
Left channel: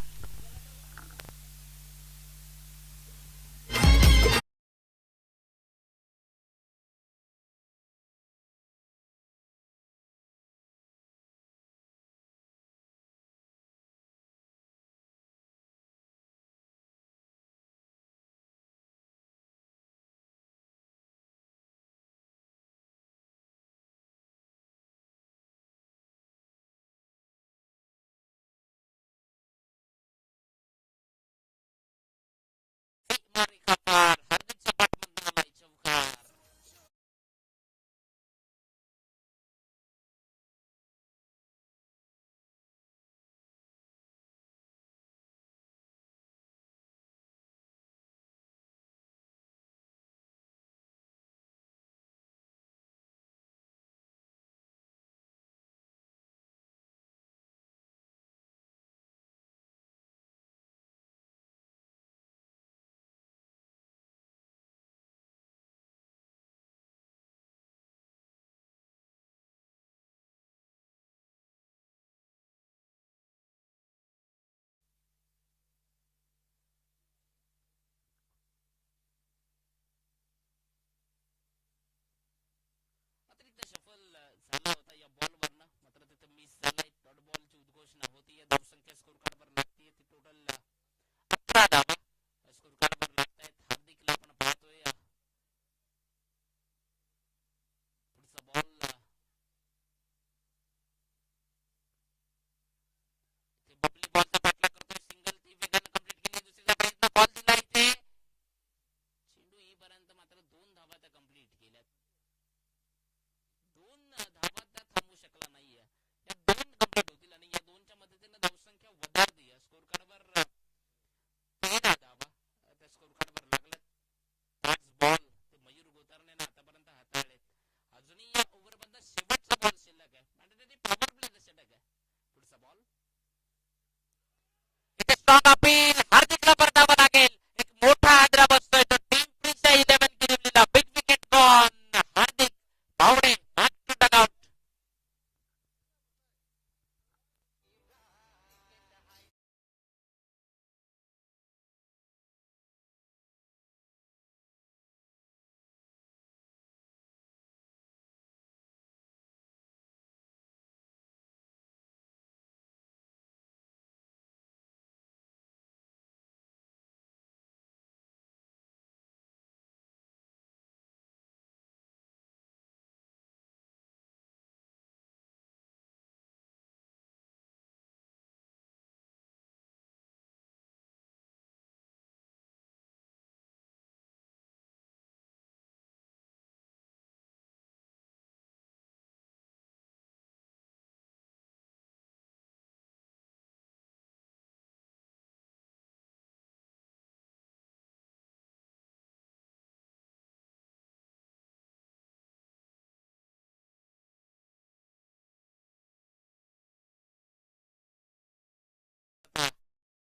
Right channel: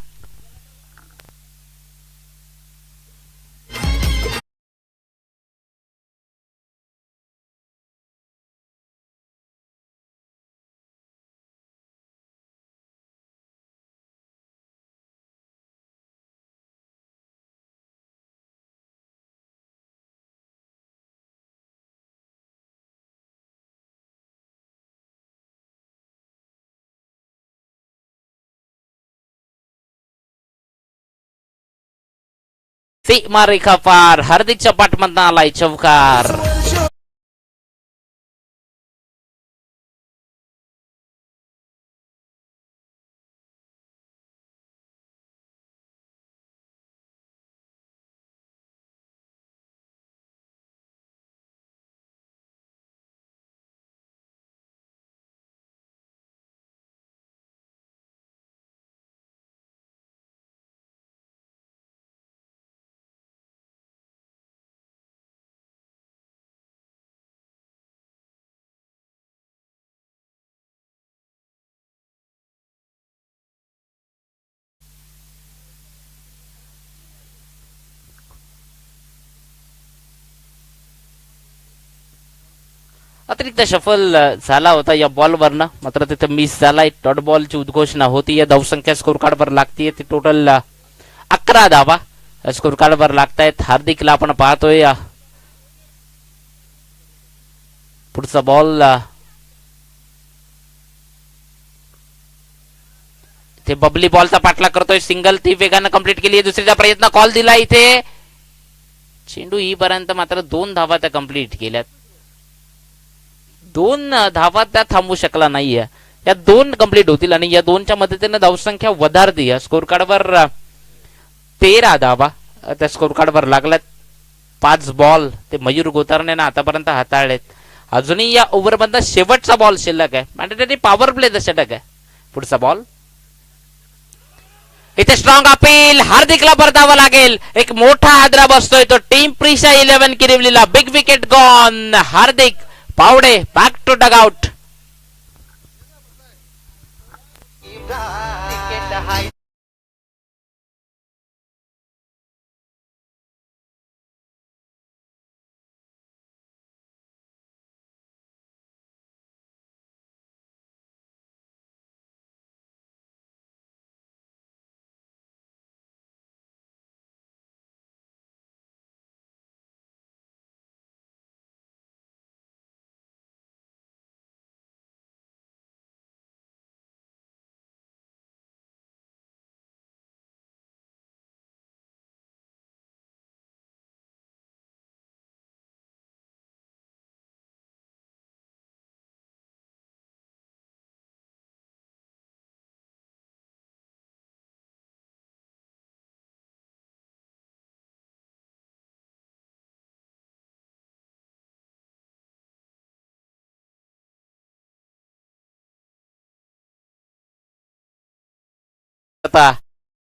सीमा रेखा पार, हार्दिकच्या पाठमधनं आलाय चौकार. अतिरिक्त शफल झाला होता या बॉलवरनं, मात्र तिथे मिस झालाय. डॉट बॉलची उद्घोषणा होती. या धावसंख्या स्कोर कार्डवर लागतीये ती टोटल 11 धावा स्कोर कार्डवर लागतायत. हार्दिकला आपण पाहतोय. पुढचा बॉल इथे बबली बॉलचा पाठलाग करतोय. सिंगल ती वेगानं कंप्लीट केली. दुसरीचा प्रयत्न, कॉल दिला इथे. चेंडू पर्यंत मात्र 2 धावा त्या कंप्लीट केल्यात. 2 धावा त्या थांबू शकला नाहीये. या 2 कंप्लीट होतील आणि या 2च्या मदतीने धावसंख्या वधारती. स्कोर कार्डवर 13 धावा त्या स्कोर कार्डवर लागल्यात. 5 बॉल ते मयूर गोतारने आतापर्यंत हाताळलेत. अजूनही या ओव्हर मधला शेवटचा बॉल शिल्लक आहे. मॅन्डेटरी पॉवर प्लेचा षटक आहे. पुढचा बॉल इथे स्ट्रॉंग अपील. हार्दिकला परतावा लागेल. एक मोठा हादरा बसतोय तो टीम प्रिशा 11 किरिवलीला. Big wicket gone. Hardik Pawde back to dugout.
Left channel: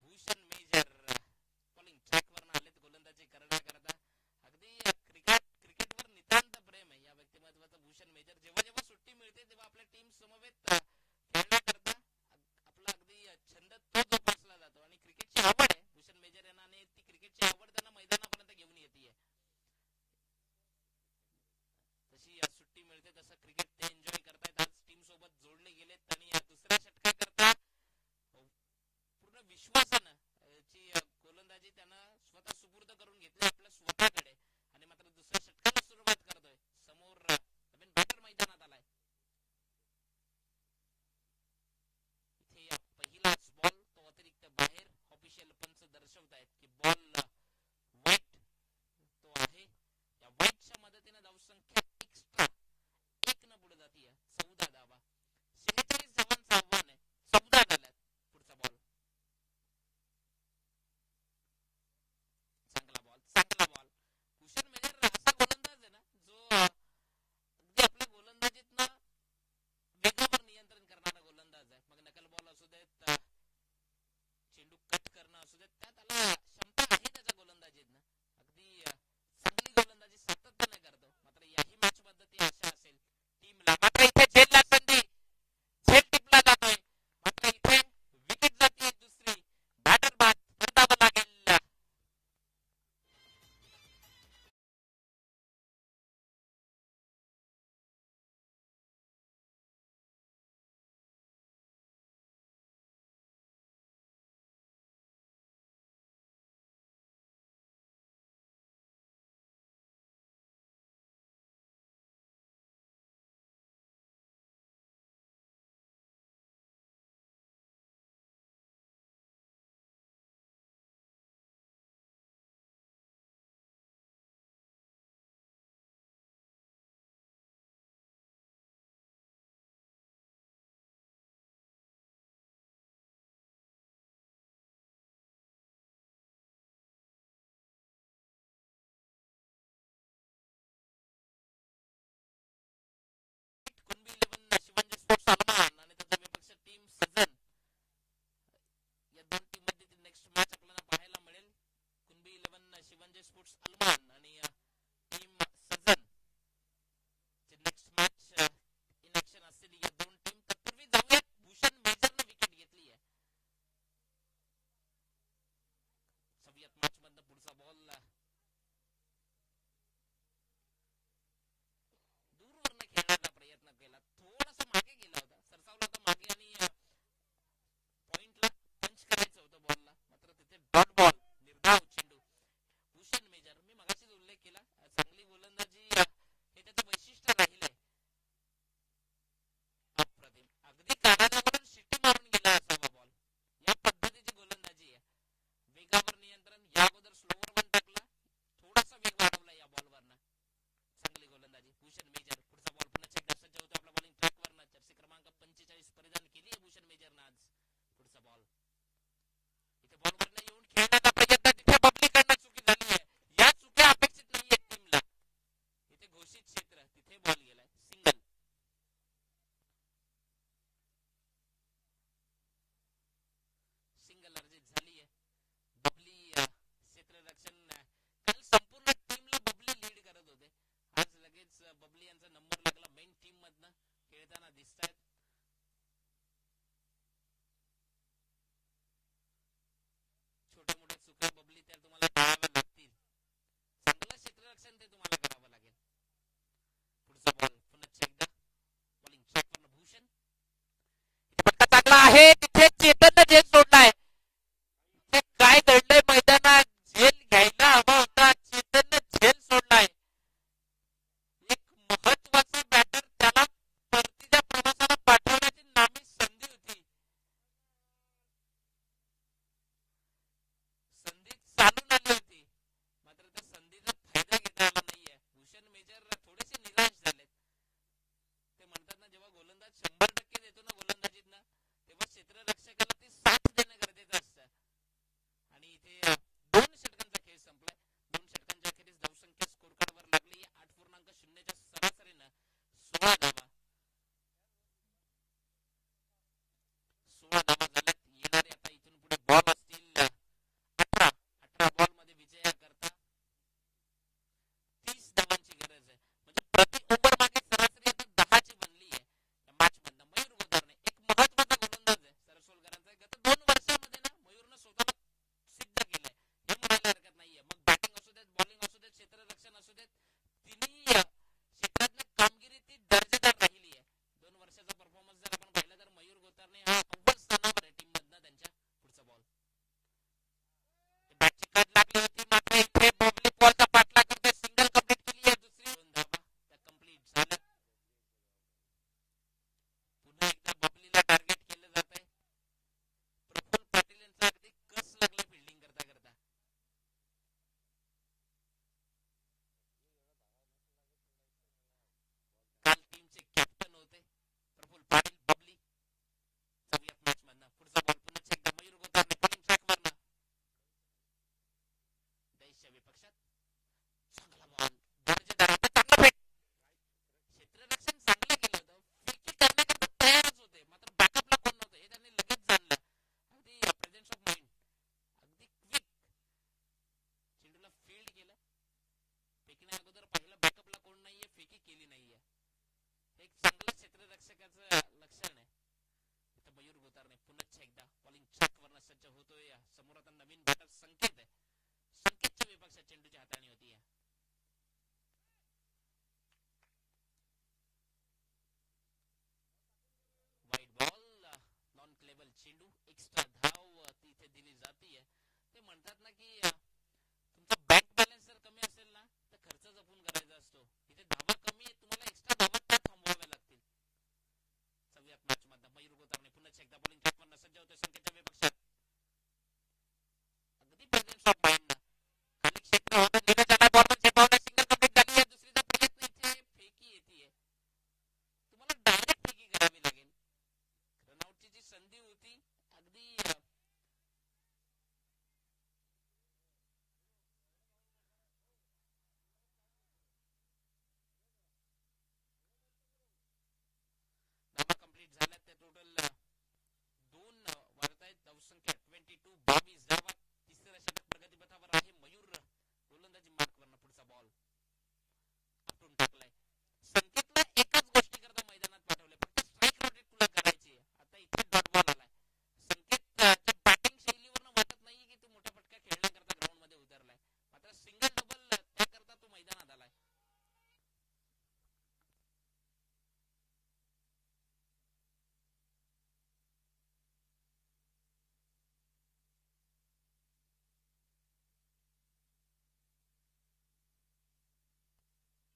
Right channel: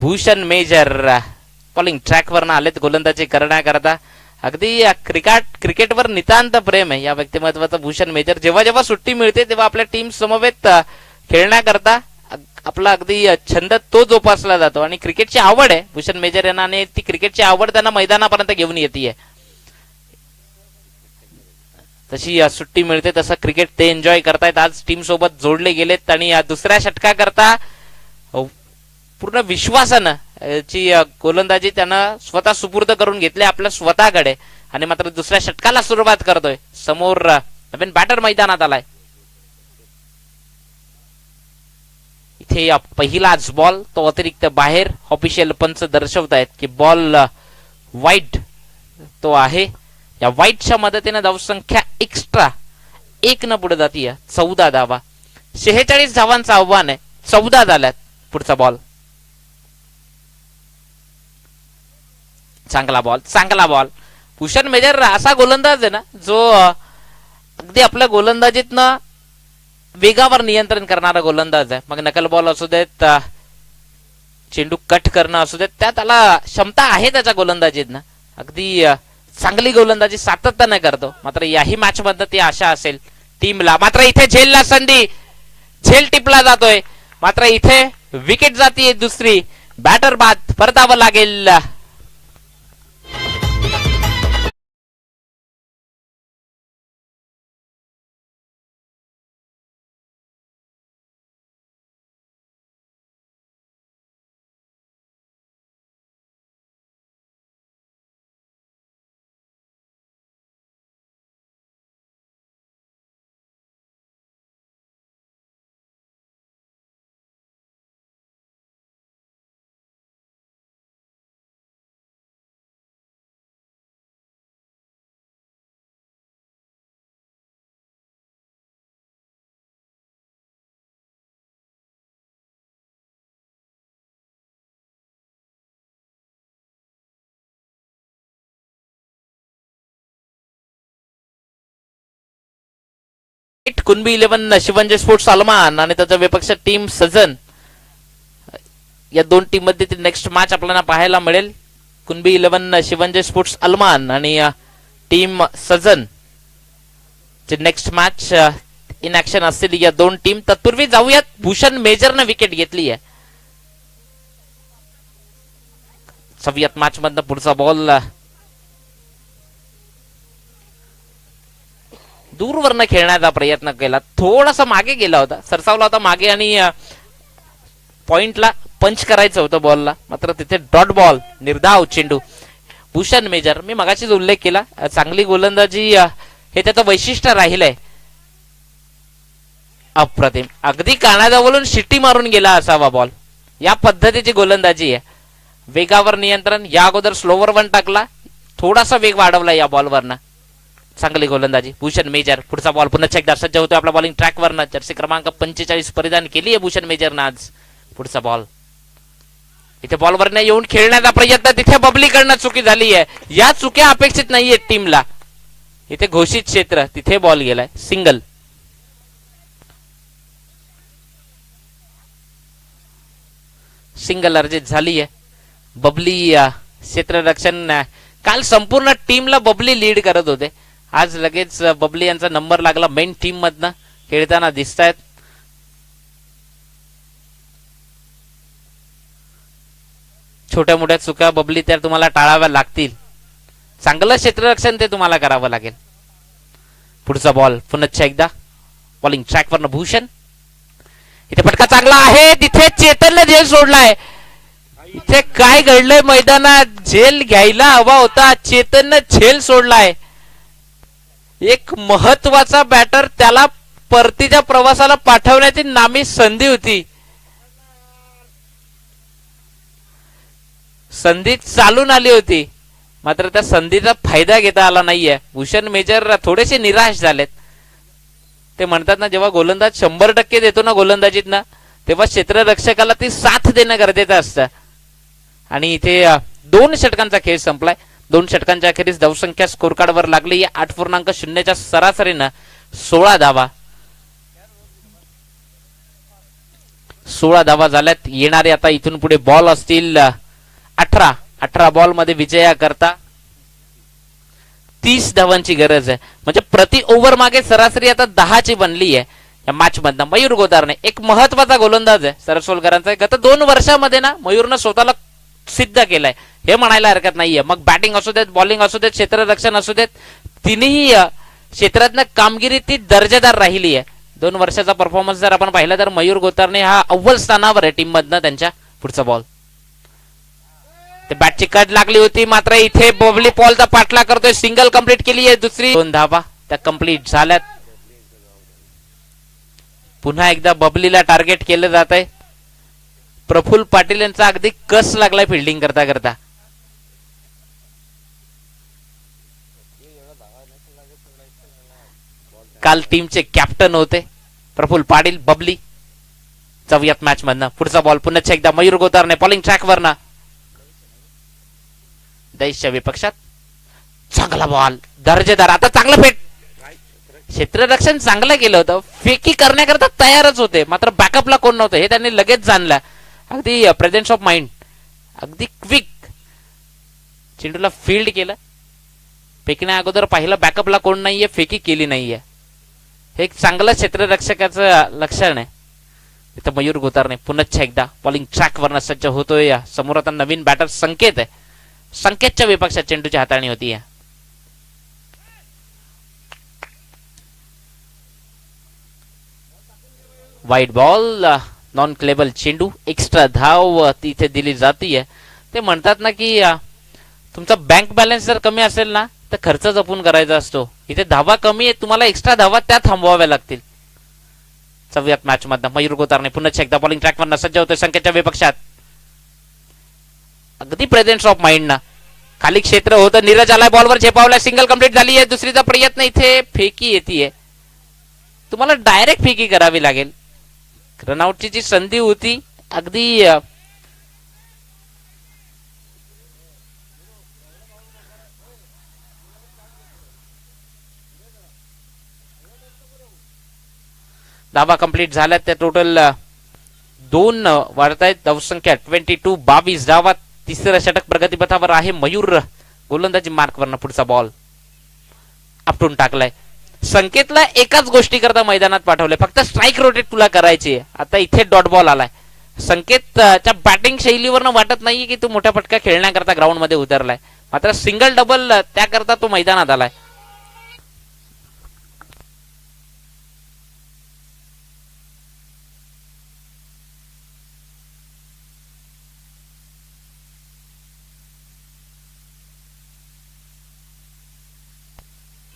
Bhushan मेजर बॉलिंग ट्रॅकवर आलेत गोलंदाजी करण्याकरता. अगदी क्रिकेटवर नितांत प्रेम आहे या व्यक्तिमत्वाचं भूषण मेजर. जेव्हा जेव्हा सुट्टी मिळते तेव्हा आपल्या टीम समवेत खेळण्याकरता आपला अगदी छंद तो जोपासला जातो आणि क्रिकेटची आवड आहे भूषण मेजर यांना आणि ती क्रिकेटची आवड त्यांना मैदानापर्यंत घेऊन येते. तशी सुट्टी मिळते तसं क्रिकेट ते एन्जॉय करतायत. आज टीम सोबत जोडले गेलेत आणि दुसऱ्या षटकाकरता पूर्ण विश्वासानं ची गोलंदाजी त्यानं स्वतः सुपूर्द करून घेतले आपल्या स्वतःकडे आणि मात्र दुसऱ्या षटकाला सुरुवात करतोय. समोर नवीन बॅटर मैदानात आलाय. इथे पहिलाच बॉल तो अतिरिक्त बाहेर. ऑफिशियल पंच दर्शवतायत की बॉल वाईट तो आहे. या वाईटच्या मदतीने धावसंख्या एक्स्ट्रा 1 न पुढे जातीय. 14 धावा. 46 धावांचं आव्हान आहे. 14 झाल्यात. पुढचा बॉल चांगला बॉल. भूषण मेजर असा गोलंदाज आहे ना जो अगदी आपल्या गोलंदाजीतनं वेगावर नियंत्रण करणारा गोलंदाज आहे. मग नकल बॉल असू देत, चेंडू कट करणं असू देत, त्यात त्याला क्षमता आहे त्याच्या गोलंदाजीतनं. अगदी चांगली गोलंदाजी सातत्याने करतो. मात्र याही मॅच मध्ये ती आशा असेल टीमला. मात्र इथे झेलला संधी. झेल टिपला जातोय. मात्र इथे विकेट जातीये दुसरी. बॅटर बाद, परतावं लागेल. कुणबी 11 शिवंजय स्पोर्ट्स सलमान आणि त्याचा विपक्ष टीम सजन. या दोन टीम मध्ये नेक्स्ट मॅच आपल्याला पाहायला मिळेल. कुणबी 11 शिवंजय स्पोर्ट्स अलमान आणि टीम सजन ची नेक्स्ट मॅच इन ऍक्शन असलेली या दोन टीम. तत्पूर्वी जाऊयात, भूषण मेजरनं विकेट घेतली आहे. जाऊयात मॅच मधनं पुढचा बॉल दूरवरनं खेळण्याचा प्रयत्न केला, थोडासा मागे गेला होता, सरसावला होता मागे आणि पॉइंटला पंच करायचं होतं बॉलला, मात्र तिथे डॉट बॉल, निर्धाव चेंडू. भूषण मेजर, मी मगाशीच उल्लेख केला, चांगली गोलंदाजी हे त्याचं वैशिष्ट्य राहिलंय. अप्रतिम, अगदी कानाजवळून शिट्टी मारून गेला असावा बॉल. या पद्धतीची गोलंदाजी आहे. वेगावर नियंत्रण, या अगोदर स्लोवर वन टाकला, थोडासा वेग वाढवला या बॉलवरनं. चांगली गोलंदाजी भूषण मेजर. पुढचा बॉल पुन्हा एकदा सज्ज होतो आपला बॉलिंग ट्रॅकवरनं. जर्सी क्रमांक 45 परिधान केली आहे भूषण मेजरनं आज. पुढचा बॉल इथे बॉलवरनं येऊन खेळण्याचा प्रयत्न, तिथे बबलीकडनं चुकी झाली आहे. या चुक्या अपेक्षित नाहीये टीमला. इथे घोषित क्षेत्र, तिथे बॉल गेलाय, सिंगल. सिंगल अर्जित झाली आहे. बबली क्षेत्ररक्षण, काल संपूर्ण टीमला बबली लीड करत होते, आज लगेच बबली यांचा नंबर लागला. मेन टीम मधनं खेळताना दिसत आहेत. छोट्या मोठ्या चुका बबली त्या तुम्हाला टाळाव्या लागतील. चांगलं क्षेत्ररक्षण ते तुम्हाला करावं लागेल. पुढचा बॉल पुन्हा एकदा बॉलिंग ट्रॅकवरनं भूषण. इथे फटका चांगला आहे, तिथे चेतनला झेल सोडलाय. इथे काय घडलंय मैदानात, झेल घ्यायला हवा होता, चेतननं झेल सोडलाय. एक महत्वाचा बॅटर, त्याला परतीच्या प्रवासाला पाठवण्याची नामी संधी होती. संधी चालून आली होती, मात्र त्या संधीचा फायदा घेता आला नाहीये. भूषण मेजर थोडेसे निराश झालेत. ते म्हणतात ना, जेव्हा गोलंदाज 100% देतो ना गोलंदाजीत ना, तेव्हा क्षेत्ररक्षकाला ती साथ देणं गरजेचं असतं. आणि इथे 2 षटकांचा खेळ संपलाय. 2 षटकांच्या अखेरीस धावसंख्या स्कोर कार्डवर लागली. 8.0च्या सरासरीनं 16 धावा. 16 धावा झाल्यात. येणारे आता इथून पुढे बॉल असतील 18 बॉल मध्ये विजया करता 30 धावांची गरज आहे. म्हणजे प्रति ओव्हर मागे सरासरी आता 10ची बनली आहे या मॅच मधनं. मयूर गोदारने एक महत्वाचा गोलंदाज आहे सरसोलकरांचा. गत 2 वर्षामध्ये ना मयूरनं स्वतःला सिद्ध केलंय, हे म्हणायला हरकत नाहीये. मग बॅटिंग असू देत, बॉलिंग असू देत, क्षेत्ररक्षण असू देत, तिन्ही क्षेत्रातनं कामगिरी ती दर्जेदार राहिली आहे. 2 वर्षाचा परफॉर्मन्स जर आपण पाहिला तर मयूर गोतारने हा अव्वल स्थानावर आहे टीम मधनं त्यांच्या. पुढचा बॉल, ते बॅटची कट लागली होती, मात्र इथे बबली पॉलचा पाठला करतोय. सिंगल कंप्लीट केली आहे, दुसरी 2 धावा त्या कंप्लीट झाल्यात. पुन्हा एकदा बबलीला टार्गेट केलं जात आहे. प्रफुल्ल पाटील यांचा अगदी कस लागलाय फिल्डिंग करता करता. काल टीमचे कॅप्टन होते प्रफुल्ल पाटील. बबली जाऊयात मॅच मधनं. पुढचा बॉल पुन्हा एकदा मयूर गोतारने बॉलिंग ट्रॅकवर ना, दैशच्या विपक्षात चांगला बॉल, दर्जेदार. आता चांगलं फेट, क्षेत्ररक्षण चांगलं केलं होतं, फेकी करण्याकरता तयारच होते, मात्र बॅकअपला कोण नव्हतं हे त्यांनी लगेच जाणलं. अगदी प्रेझेन्स ऑफ माइंड, अगदी क्विक चेंडूला फील्ड केलं. फेकण्या अगोदर पाहिलं बॅकअपला कोण नाहीये, फेकी केली नाहीये. हे एक चांगलं क्षेत्ररक्षकाचं लक्षण आहे. इथं मयूर गोतारणे पुन्हा एकदा बॉलिंग ट्रॅक वरनं सज्ज होतोय. समोर आता नवीन बॅटर संकेत आहे. संकेतच्या विपक्षात चेंडूची हाताळणी होती. वाईट बॉल, नॉन क्लेबल चेंडू, एक्स्ट्रा धाव तिथे दिली जातीये. ते म्हणतात ना की तुमचा बँक बॅलन्स जर कमी असेल ना तर खर्च जपून करायचा असतो. इथे धावा कमी आहे, तुम्हाला एक्स्ट्रा धावा त्या थांबवाव्या लागतील. चौव्यात मॅच मधनं मयूर गोतारणे पुन्हा एकदा बॉलिंग ट्रॅक वरनं सज्ज होतोय संकेतच्या विपक्षात. अगदी प्रेझेन्स ऑफ माइंड ना, खाली क्षेत्र होतं. नीरज आलाय, बॉलवर झेपावलाय, सिंगल कंप्लीट झाली आहे. दुसरीचा प्रयत्न, इथे फेकी येते. तुम्हाला डायरेक्ट फेकी करावी लागेल. रनआउटची जी संधी होती अगदी धावा कंप्लीट झाल्यात. त्या टोटल 2 वाढतायत. धावसंख्या 22, 22 धावा. तिसरं षटक प्रगतीपथावर आहे. मयूर गोलंदाजी मार्कवरनं पुढचा बॉल आपटून टाकलाय. संकेतला एकाच गोष्टी करता मैदानात पाठवले, फक्त स्ट्राईक रोटेट तुला करायची आहे. आता इथे डॉट बॉल आलाय. संकेतच्या बॅटिंग शैलीवरनं वाटत नाहीये की तो मोठ्या फटका खेळण्याकरता ग्राउंड मध्ये उतरलाय, मात्र सिंगल डबल त्याकरता तो मैदानात आलाय.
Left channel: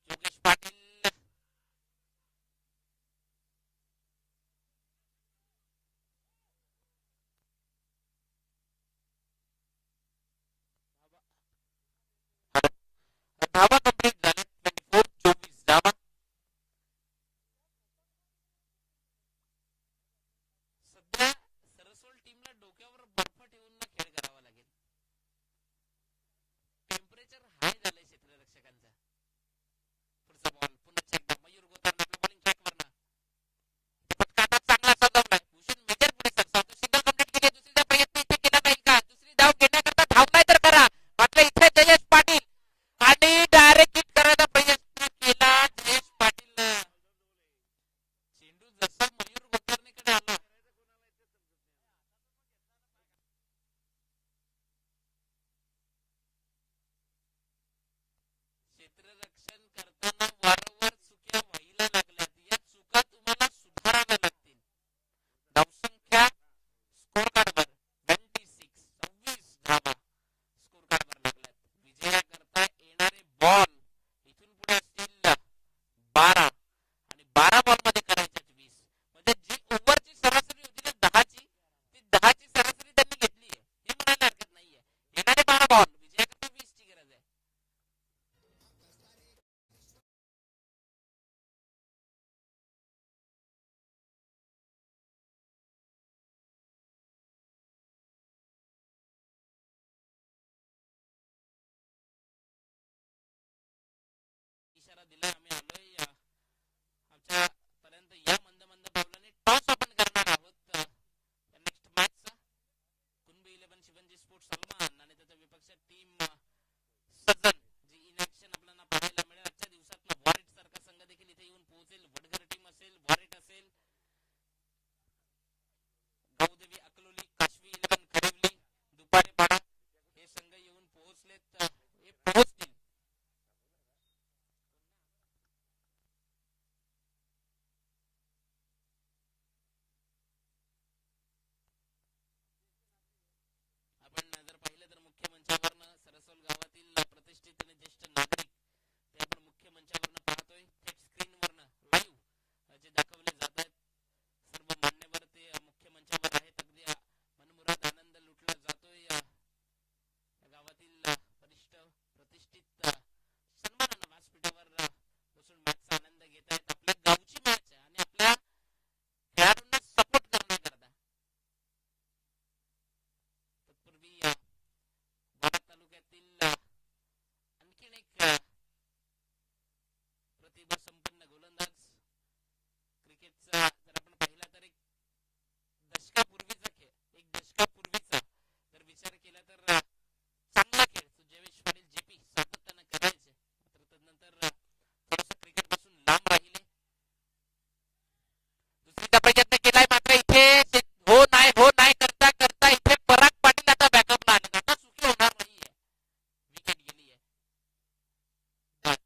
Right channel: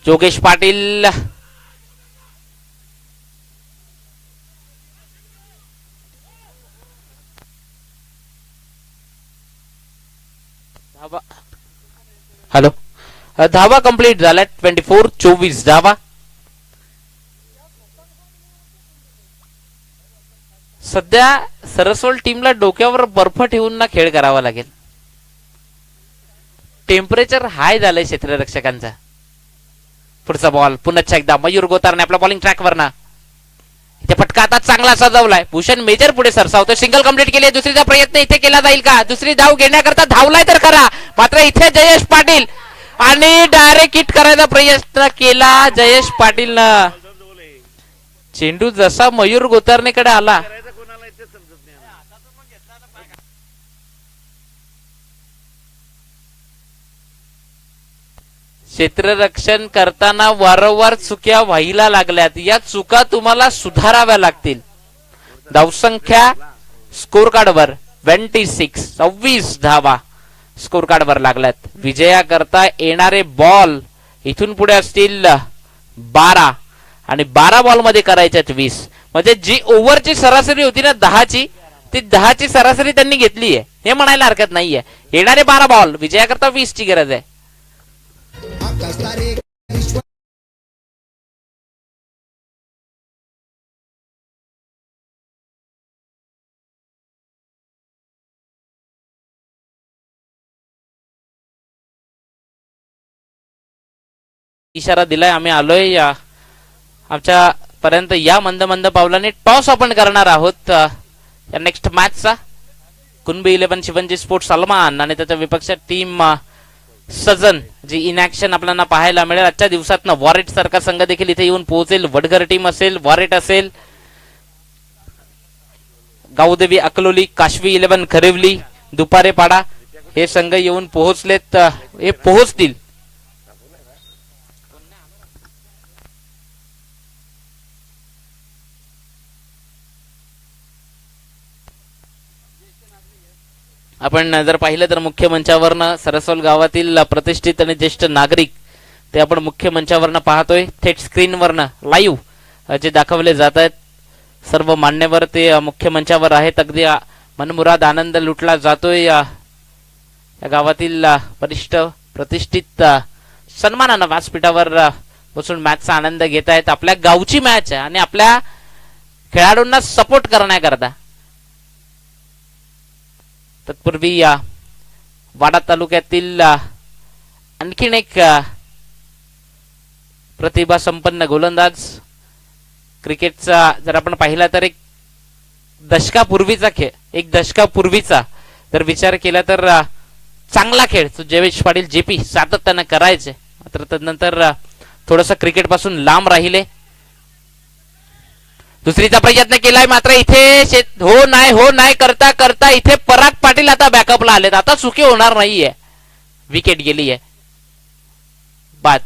जोगेश पाटील हॅलो, धावा कंप्लीट झाल्या. 24, 24 धावा. सध्या सरसोल टीमला डोक्यावर बर्फ ठेवून ना खेळ करावा लागेल. टेम्परेचर हाय झालंय क्षेत्ररक्षकांचा. पुढचा बॉल पुन्हा एकदा मयूर गोतारने आपला बॉलिंग ट्रॅकवर ना, इथे फटका आता चांगला सजवलाय. भूषण मेजर पुढे सरसावतो. सिंगल कंप्लीट केली. दुसरीचा प्रयत्न इथे केला जाईल का? दुसरी धाव घेण्याकरता धावलाय तर खरा, मात्र इथे जयेश पाटील आणि डायरेक्ट हिट करायचा प्रयत्न केला जयेश पाटीलनं. चेंडू जसा मयूर गोतारणेकडे आला क्षेत्ररक्षण करताना वारंवार चुक्या व्हायला लागल्यात. या चुका तुम्हाला सुधाराव्या लागतील. धावसंख्या स्कोर कार्डवर 26, 26 धावा स्कोर कार्डवर लागल्यात. विजया करता येणारे बॉल इथून पुढे असतील 12 आणि 12 बॉल मध्ये करायच्यात 20. म्हणजे जी ओव्हरची सरासरी होती ना 10ची, ती 10ची सरासरी त्यांनी घेतली आहे, हे म्हणायला हरकत नाहीये. येणारे 12 बॉल, विजया करता 20 ची गरज आहे. इशारा दिलाय, आम्ही आलोय. आमच्या पर्यंत या मंद मंद पावलाने टॉस आपण करणार आहोत या नेक्स्ट मॅचचा. कुणबी 11 शिवंजी स्पोर्ट्स सलमान आणि त्याच्या विपक्ष team Sajan ji in action आपल्याला पाहायला मिळेल. आजच्या दिवसात वॉरेट सारखा संघ देखील इथे येऊन पोहोचेल. वडघर टीम असेल, वॉरेट असेल, गावदेवी अकलोली, काशवी 11 खरिवली, दुपारे पाडा हे संघ येऊन पोहोचलेत, हे पोहोचतील. आपण जर पाहिलं तर मुख्य मंचावरनं सरसोल गावातील प्रतिष्ठित आणि ज्येष्ठ नागरिक ते आपण मुख्य मंचावरनं पाहतोय. थेट स्क्रीनवरनं लाईव्ह जे दाखवले जात आहेत. सर्व मान्यवर ते मुख्य मंचावर आहेत. अगदी मनमुराद आनंद लुटला जातोय. या गावातील वरिष्ठ प्रतिष्ठित सन्मानानं व्यासपीठावर बसून मॅचचा आनंद घेत आहेत. आपल्या गावची मॅच आहे आणि आपल्या खेळाडूंना सपोर्ट करण्याकरता. तत्पूर्वी वाडा तालुक्यातील आणखीन एक प्रतिभा संपन्न गोलंदाज, क्रिकेटचा जर आपण पाहिला तर एक दशकापूर्वीचा खेळ, एक दशकापूर्वीचा जर विचार केला तर चांगला खेळ तो जयेश पाटील जेपी सातत्यानं करायचे. मात्र त्यानंतर थोडस क्रिकेट पासून लांब राहिले. दुसरीचा प्रयत्न केलाय मात्र इथे हो नाही करता करता इथे पराग पाटील आता बॅकअपला आलेत. आता चुकी होणार नाहीये. विकेट गेली आहे. बाद.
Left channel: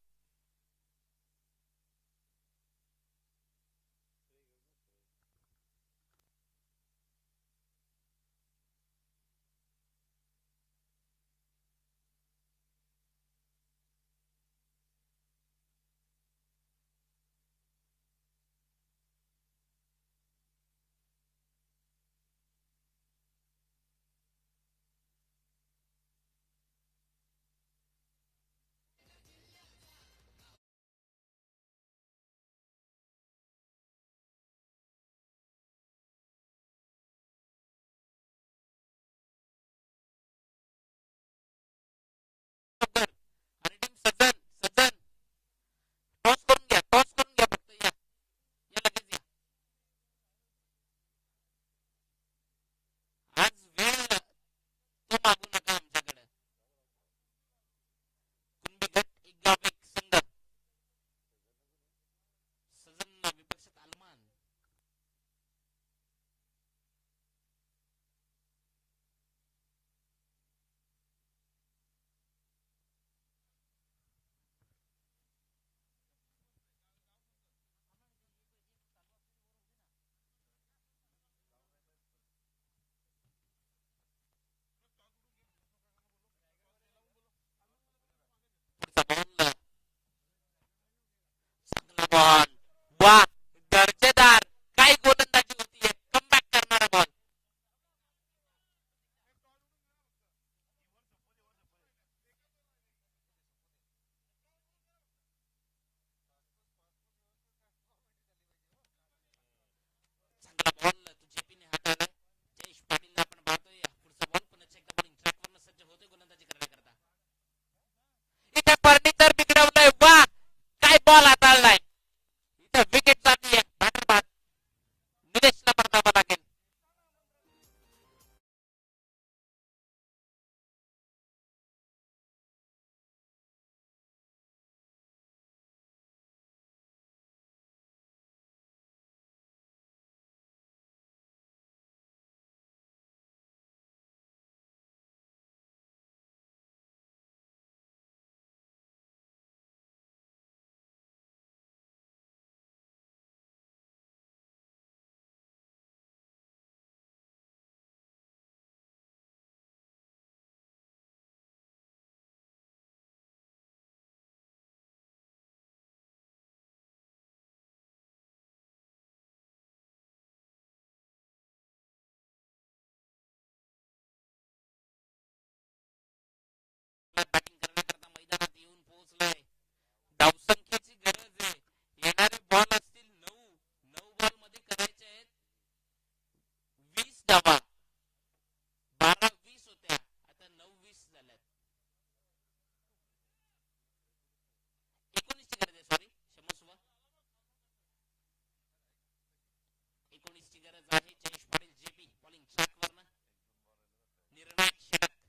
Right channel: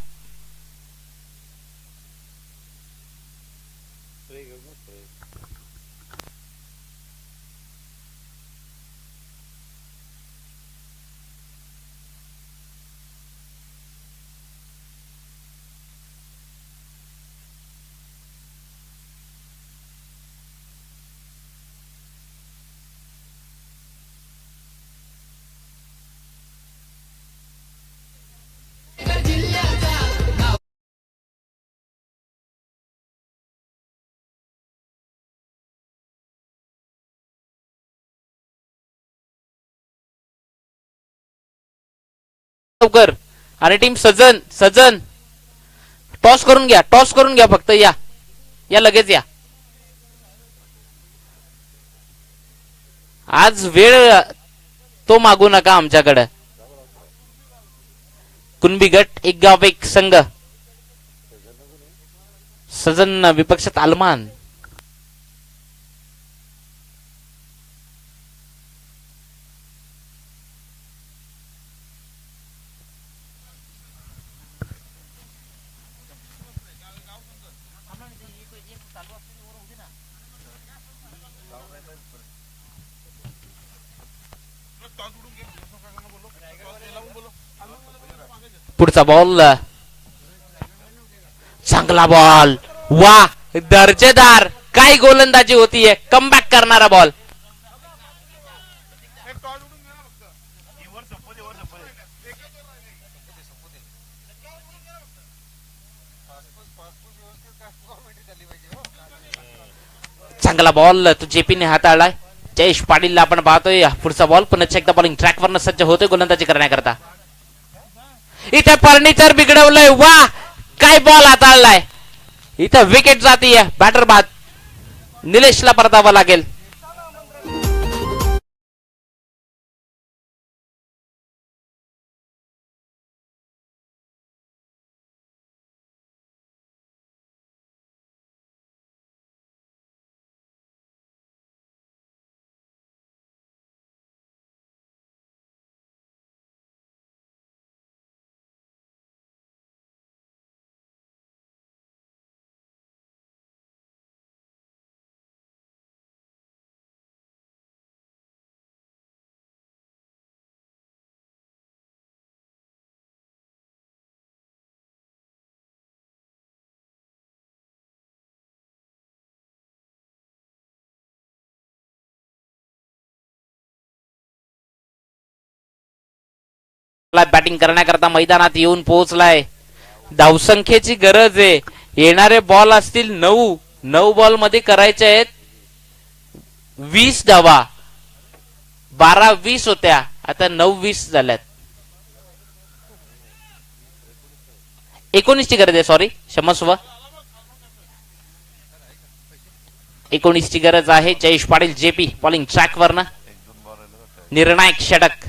लवकर आणि टीम सजन टॉस करून घ्या फक्त या लगेच या. आज वेळ तो मागू नका आमच्याकडे. कुणबी गट एक गाव एक संघ. सजन विपक्षात आलमान. पुढचा बॉल चांगला बॉल. वा दर्जेदार. काय गोलंदाजी होतीये. कमबॅक करणारा बॉल. चांगला बॉल तो जेपीने हाताळलाय. जयेश पाटीलला आपण पाहतोय. पुढचा बॉल पुन्हा एकदा बॉलिंग ट्रॅकवरनं सज्ज होतोय गोलंदाजी करण्याकरता. इथे फर्निचर बिघडवलंय. वा काय बॉल हाताळलाय. इथे विकेट जातीये. बॅटर बाद. निलेशला परतावं लागेल. बॅटिंग करण्याकरता मैदानात येऊन पोहोचलाय. धावसंख्येची गरज आहे. येणारे बॉल असतील 9 बॉल मध्ये करायचे आहेत 20 धावा. 12-20 होत्या. आता 9-20 झाल्यात. 19 ची गरज आहे. सॉरी क्षमस्व. 19 ची गरज आहे. Jayesh Patil JP bowling track वरनं. निर्णायक षटक.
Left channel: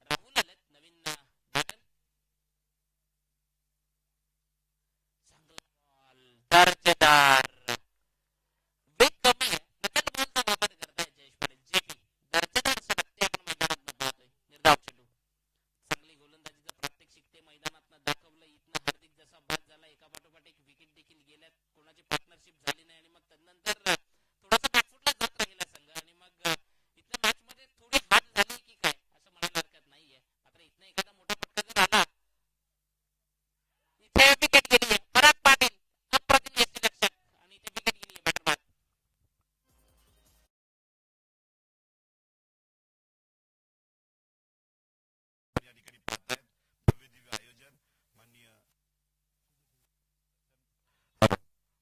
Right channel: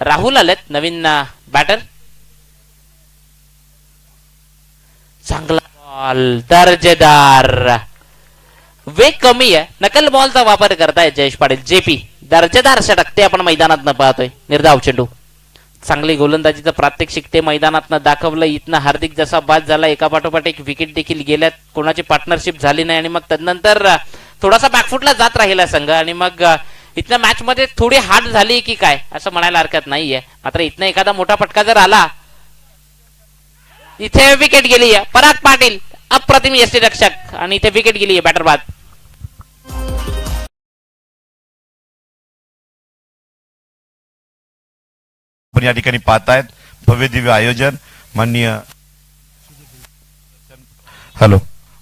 राहुल आलेत नवीन बॅटर. चांगला बॉल दर्जेदार. वेग कमी आहे. नकल बॉलचा वापर करताय जयेश पाटील जेपी. दर्जेदार षटक ते आपण मैदानात न पाहतोय. निर्धाव चेंडू. चांगली गोलंदाजीचं प्रात्यक्षिक ते मैदानात दाखवलं. इथनं हार्दिक जसा बाद झाला एका पाठोपाठ एक विकेट देखील गेल्यात. कोणाची पार्टनरशिप झाली नाही आणि मग तदनंतर थोडासा बॅकफुटला जात राहिला संघ आणि मग इथनं मॅच मध्ये थोडी हार्ड झाली की काय असं म्हणायला हरकत नाहीये. मात्र इथनं एखादा मोठा फटका जर आला. इथे विकेट गेली आहे. पराग पाटील अप्रतिम यष्टीरक्षक आणि इथे विकेट गेली आहे. बॅटर बाद. पण या ठिकाणी पाहतायत भव्य दिव्य आयोजन.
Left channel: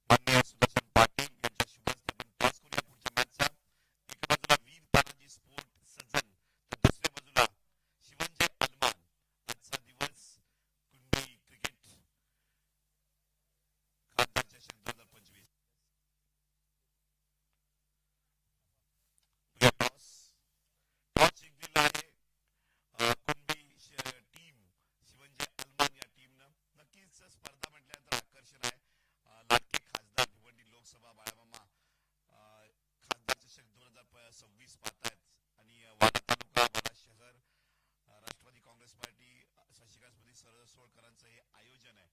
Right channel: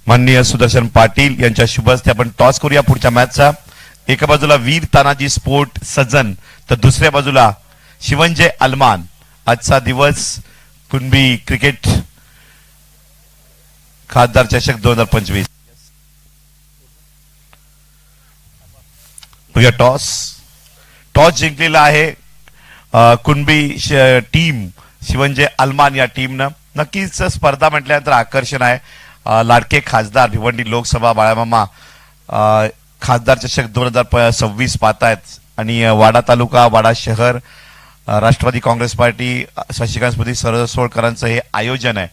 माननीय सुदर्शन पाटील यांच्या शुभ हस्ते आपण टॉस करूया पुढच्या मॅचचा. एका बाजूला वीर तानाजी स्पोर्ट सज्जन तर दुसऱ्या बाजूला शिवंजय अलमान. आजचा दिवस कुणबी क्रिकेट खासदार चषक 2025. टॉस जिंकलेला आहे कुणबी टीम शिवंजय अलमान या टीमनं. नक्कीच स्पर्धा म्हटल्यानंतर आकर्षण आहे लाडके खासदार भिवंडी लोकसभा बाळामामा खासदार चषक 2026 पाहतायत आणि वाडा तालुका वाडा शहर राष्ट्रवादी काँग्रेस पार्टी शशिकांत स्मृती सरसोळकरांचं हे आयोजन आहे.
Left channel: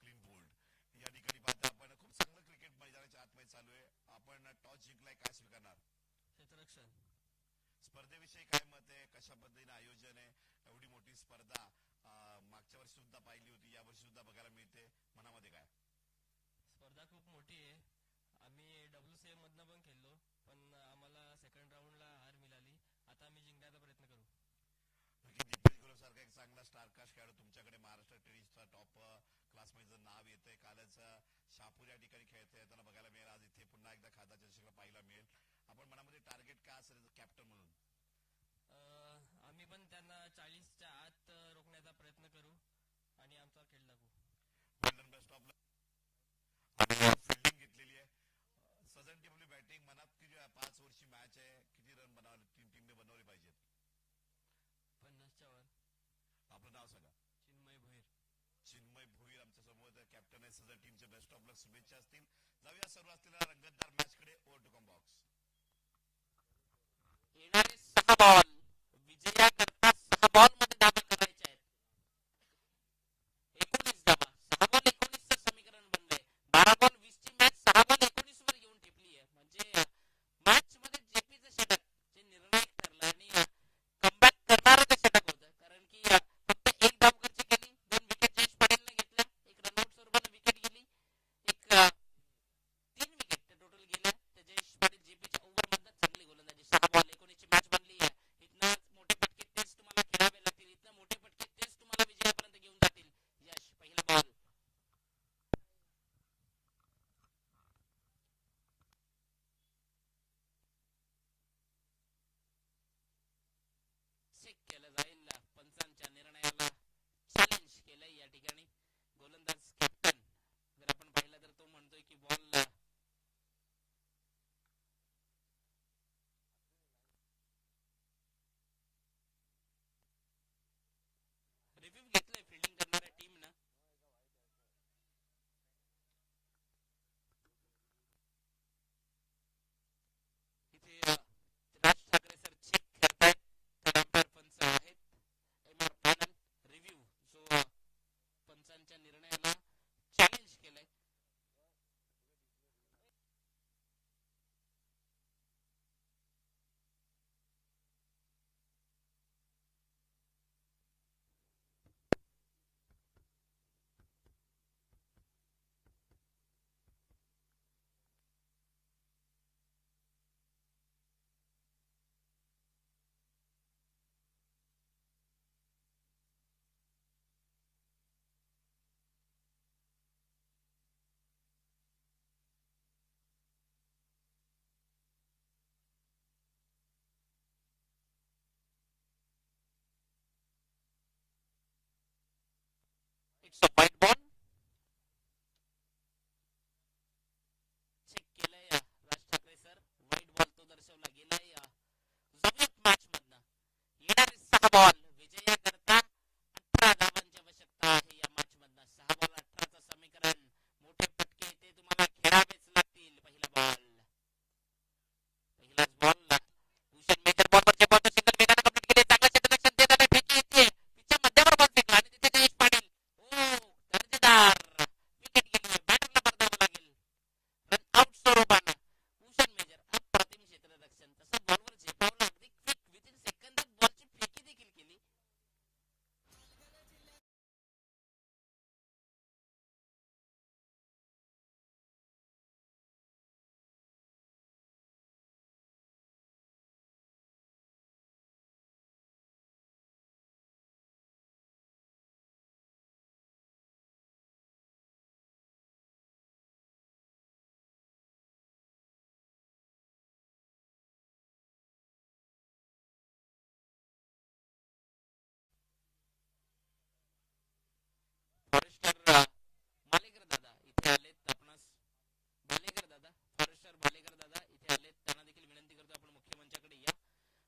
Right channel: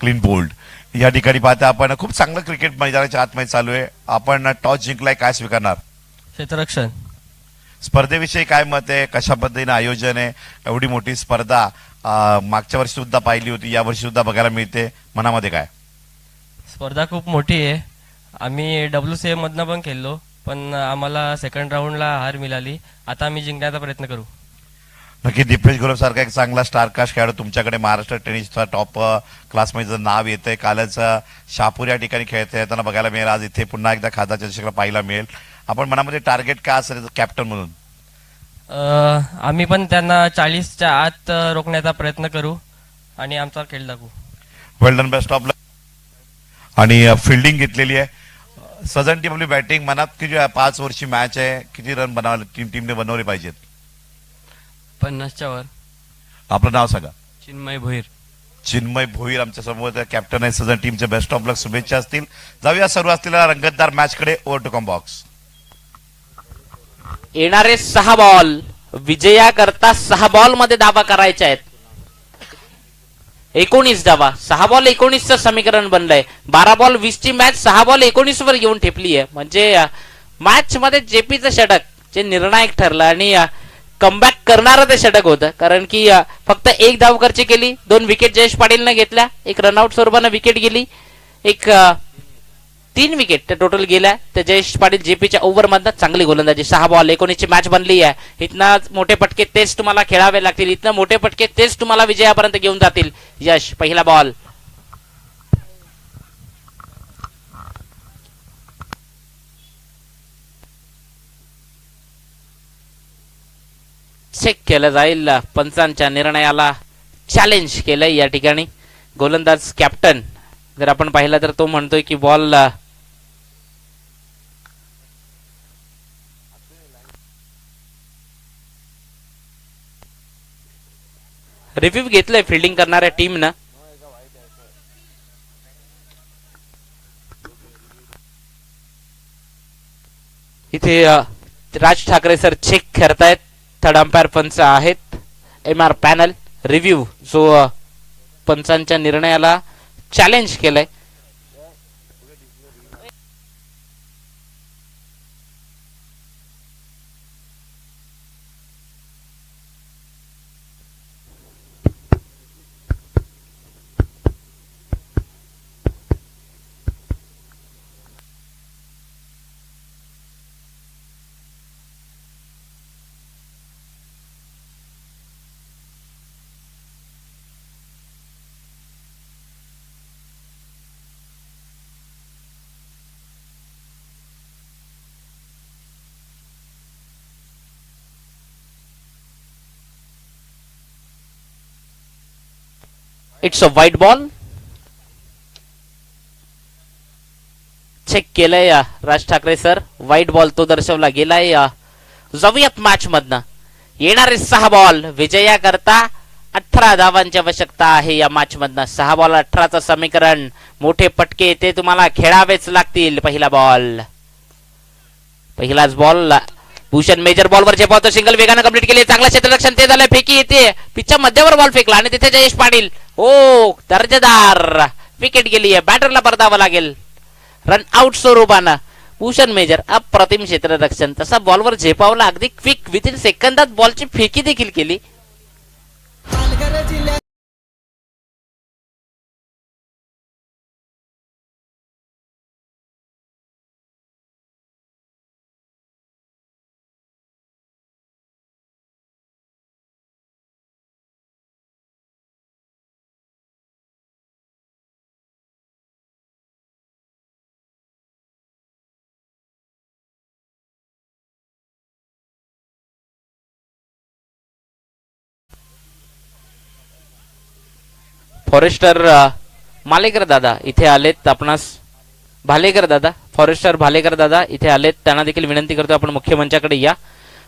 क्लीन बोल्ड या ठिकाणी पाहता आपण खूप चांगलं क्रिकेट मैदानाच्या आतमध्ये चालू आहे. आपण टॉस जिंकलाय, काय स्वीकारणार? क्षेत्ररक्षण. स्पर्धेविषयी काय मत आहे? कशा पद्धतीने आयोजन आहे? एवढी मोठी स्पर्धा मागच्या वर्षी सुद्धा पाहिली होती, या वर्षी सुद्धा बघायला मिळते. मनामध्ये काय? स्पर्धा खूप मोठी आहे. आम्ही WCA मधनं पण खेळलो, पण आम्हाला सेकंड राऊंडला हार मिळाली. आता आम्ही जिंकण्याचा प्रयत्न करू. नक्की दीपेश गुरव सारखा एक चांगला स्टारकास्ट खेळाडू तुमच्याकडे महाराष्ट्र टेनिसचा टॉप क्लासमध्ये नाव येतंय. कालच शहापूर या ठिकाणी खेळताना बघायला मिळेल. आज इथे पुन्हा एकदा खासदार चषकाला पाहायला मिळेल. आपण मनामध्ये टार्गेट काय असेल कॅप्टन म्हणून? आम्ही पण त्यांना 40च्या आत रोखण्याचा प्रयत्न करू आणि आमचा खेळ दाखवू. वेल डन, बेस्ट ऑफ लक. आणि फिल्डिंग घेतलेली आहे. सजन टीम आपली बॅटिंग मनात किती 5 वर्षी मॅच आहे, किती रन बनवले टीमने बनवले पाहिजेत? 50च्या वर. आपलं नाव सांगा. चिन्मय भोईर. चिन्मय भोईर आमच्या समोर कॅप्टन आहे सजन टीमचे. बेस्ट ऑफ लक, शुभेच्छा असतील. जाऊया सर्व असलेल्या रंगतदार मॅच कडे. Over to come box. येणारे 6 बॉल विजया करता 6 बॉल मध्ये दावा करायचे आहेत. 19 धावा. 6 बॉल 19चं समीकरण बनलंय. 12 बॉल 20 ची मॅच 6 बॉल 19 वर येऊन ठेपली आहे. म्हणजे मॅच मध्ये जेपीचं षटक जे निर्णायक ठरलं आणि कमबॅक करणारं ते षटक होतं. कारण की फक्त 1 धाव खर्च केली, 2 विकेट जयेश पाटीलनं घेतल्या, 1 रनआउट स्वरूपानं विकेट गेली, 3 विकेट टोटल गेल्या. त्या जयेश पाटील जेपीच्या ओव्हर मधनं चांगली गोलंदाजी. 6 बॉल 19 ची मॅच बनली आहे. इथनं मोठे पटके तेच तुम्हाला खेळावे लागतील. इथनं मोठे पटके तेच तुम्हाला विजयापर्यंत घेऊन जातील. यश, पहिला बॉल चेक केलं जाईल. पंचांच्या निर्णयाला चॅलेंज केलंय या ठिकाणी. गोलंदाज कॅप्टन जर आपण पाहिलं तर तो म्हणतोय की बॉल रिव्ह्यू घेतलंय फिल्डिंग करणाऱ्या टीमनं. इथे राज ठाकरे सर चेक करतायत. थर्ड अंपायर पंच आहेत. MR पॅनल रिव्ह्यू जो पंचांच्या निर्णयाला चॅलेंज केलंय. It's a white ball. Check केलंय Raj Thackeray sir. White ball तो दर्शवला गेलाय. जाऊयात मॅच मधनं. येणारे 6 बॉल विजया करता 18 धावांची आवश्यकता आहे या मॅच मधनं. 6 बॉल 18चं समीकरण. मोठे पटके ते तुम्हाला खेळावेच लागतील. पहिला बॉल, पहिलाच बॉल. भूषण मेजर बॉलवर झेपावतो. सिंगल वेगानं कंप्लीट केली. चांगलं क्षेत्ररक्षण ते झालं. फेकी येते. पिचच्या मध्यावर बॉल फेकला आणि तिथे जयेश पाटील. ओ दर्जेदार विकेट गेली आहे. बॅटरला परतावं लागेल. रन आउट स्वरूपानं भूषण मेजर अप्रतिम क्षेत्ररक्षण. तसा बॉलवर झेपावला. अगदी क्विक विथिन सेकंदात बॉलची फेकी देखील केली. फॉरेस्टर मालेकर दादा इथे आलेत. आपणास भालेकर दादा, फॉरेस्टर भालेकर दादा इथे आलेत. त्यांना देखील विनंती करतो आपण मुख्य मंचाकडे या.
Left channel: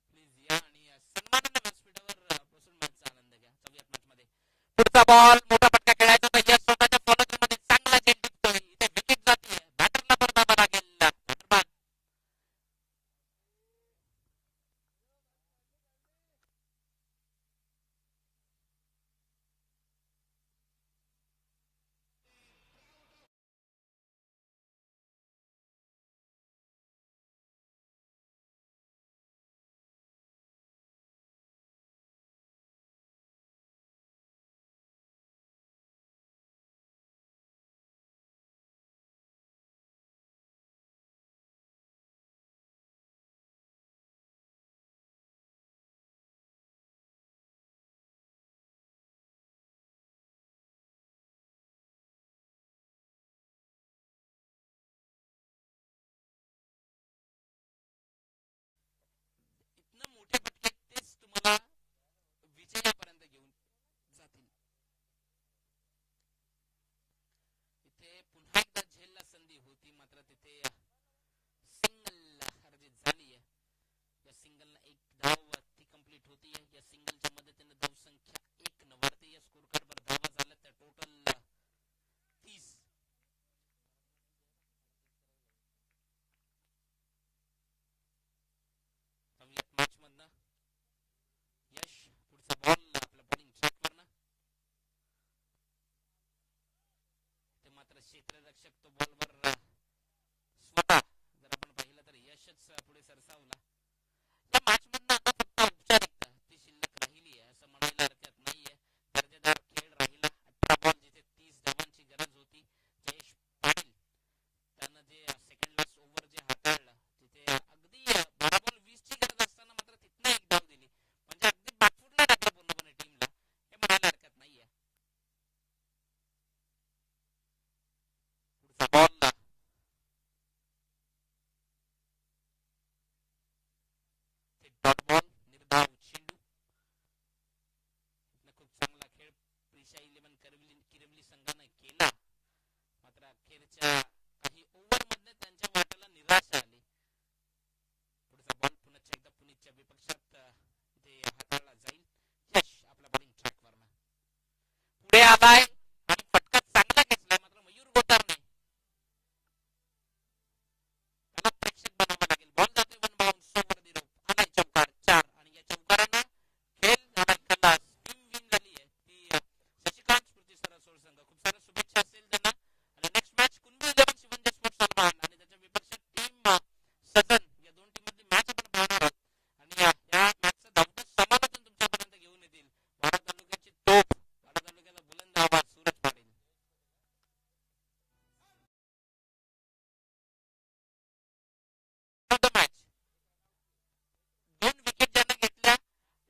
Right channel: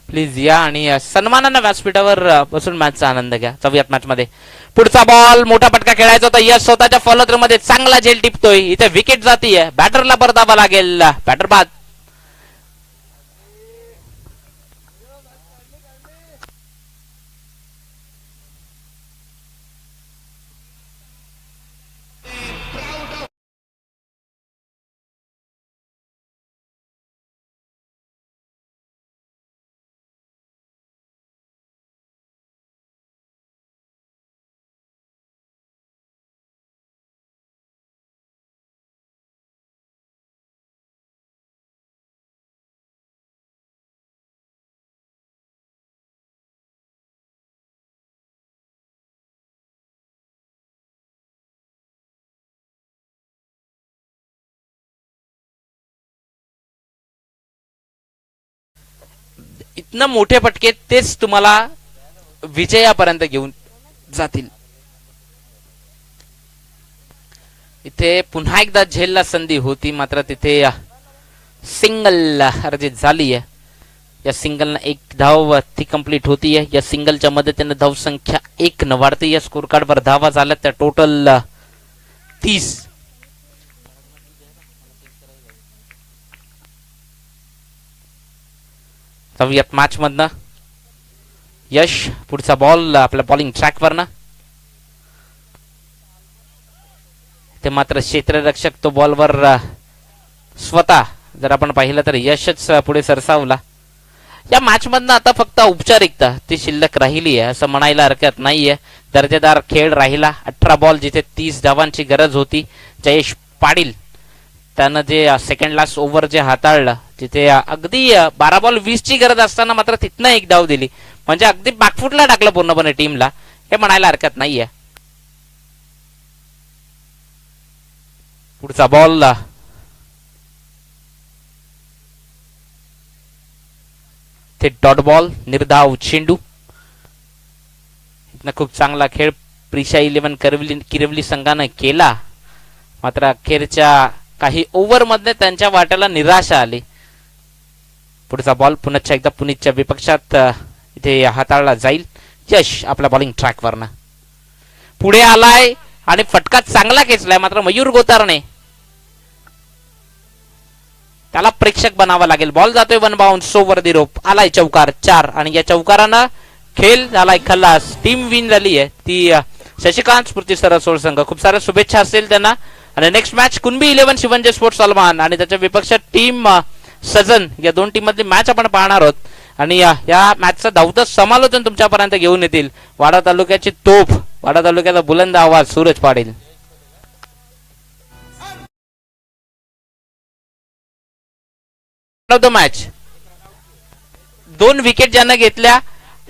प्लीज या आणि सन्मानानं व्यासपीठावर बसून मॅचचा आनंद घ्या. जाऊयात मॅच मध्ये. पुढचा बॉल मोठा पटका खेळायचा होता. यश स्वतःच्या फॉलो थ्रू मध्ये चांगला झेल टिपतोय. इथे विकेट जातीये. बॅटरला परतावा लागेल. बॅटर बाद. इतनं मोठे फटके तेच तुम्हाला विजयापर्यंत घेऊन जातील. इथे पुन्हा एकदा झेलला संधी होती, मात्र तिथे सिंगल अर्जित झाली आहे. या सिंगलनं एक धाव ती कंप्लीट होतीये. या सिंगलच्या मदतीने धाव संख्या 1 न वाढते. या स्कोर कार्डवर धावा झाल्या त्या टोटल 30. जाऊयात मॅच मधनं. यश पुढचा बॉल आपल्या बॉलिंग ट्रॅकवर ना. ते मात्र क्षेत्ररक्षक तो बॉलवर स्वतः जर आपण पाहिलं तर यशच पुढे सरसावला. या मॅच मधनं आता फक्त औपचारिकता ती शिल्लक राहिली आहे असं म्हणायला हरकत नाहीये. दर्जेदार खेळ राहिला. 18 बॉल जिथे 30 धावांची गरज होती. जयेश पाटील त्यानं जे सेकंड लास्ट ओव्हर जे हाताळलं, तिथे अगदी 12 बॉल 20 ची गरज असताना मात्र तिथनं एक धाव दिली. म्हणजे अगदी बॅकफुटला टाकलं पूर्णपणे टीमला, हे म्हणायला हरकत नाहीये. पुढचा बॉल ते डॉट बॉल, निर्धाव चेंडू. इथनं खूप चांगला खेळ प्रिशा 11 किरवली संघानं केला, मात्र अखेरच्या काही ओव्हर मध्ये त्यांच्या वाट्याला निराशा आली. पुढचा बॉल पुन्हा एकदा पुणेच्या विपक्षात इथे हाताळला जाईल. यश आपल्या बॉलिंग ट्रॅकवरनं पुढे आलाय आणि फटका चांगला खेचलाय, मात्र मयूर गोतारणे त्याला प्रेक्षक बनावा लागेल. बॉल जातोय 1 बाउन्स ओव्हर दी रोप. आलाय चौकार 4 आणि या चौकारानं खेळ झालाय खल्लास. टीम विन झाली आहे ती शशिकांत स्फूर्ती सरसोळ संघ. खूप साऱ्या शुभेच्छा असतील त्यांना. आणि next match Kunbi 11 Shivanje sports Salman आणि त्याच्या विपक्षात टीम सजन, या दोन टीम मधली मॅच आपण पाहणार आहोत. आणि या मॅचचं धावतं समालोचन तुमच्यापर्यंत घेऊन येतील वाडा तालुक्याची तोफ, वाडा तालुक्याचा बुलंद आवाज सूरज पाटील. मॅच 2 विकेट ज्यानं घेतल्या,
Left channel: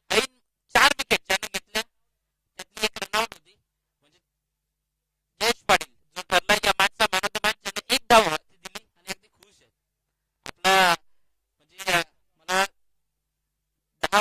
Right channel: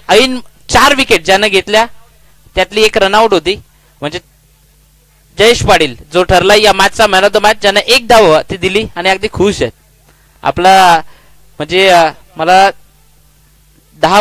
ऐन 4 विकेट ज्यानं घेतल्या त्यातली एक रनआउट होती. म्हणजे जयेश पाटील जो ठरला या मॅचचा मॅन ऑफ द मॅच, ज्यानं 1 धाव ती दिली आणि अगदी खुश आहेत. आपला म्हणजे मला 10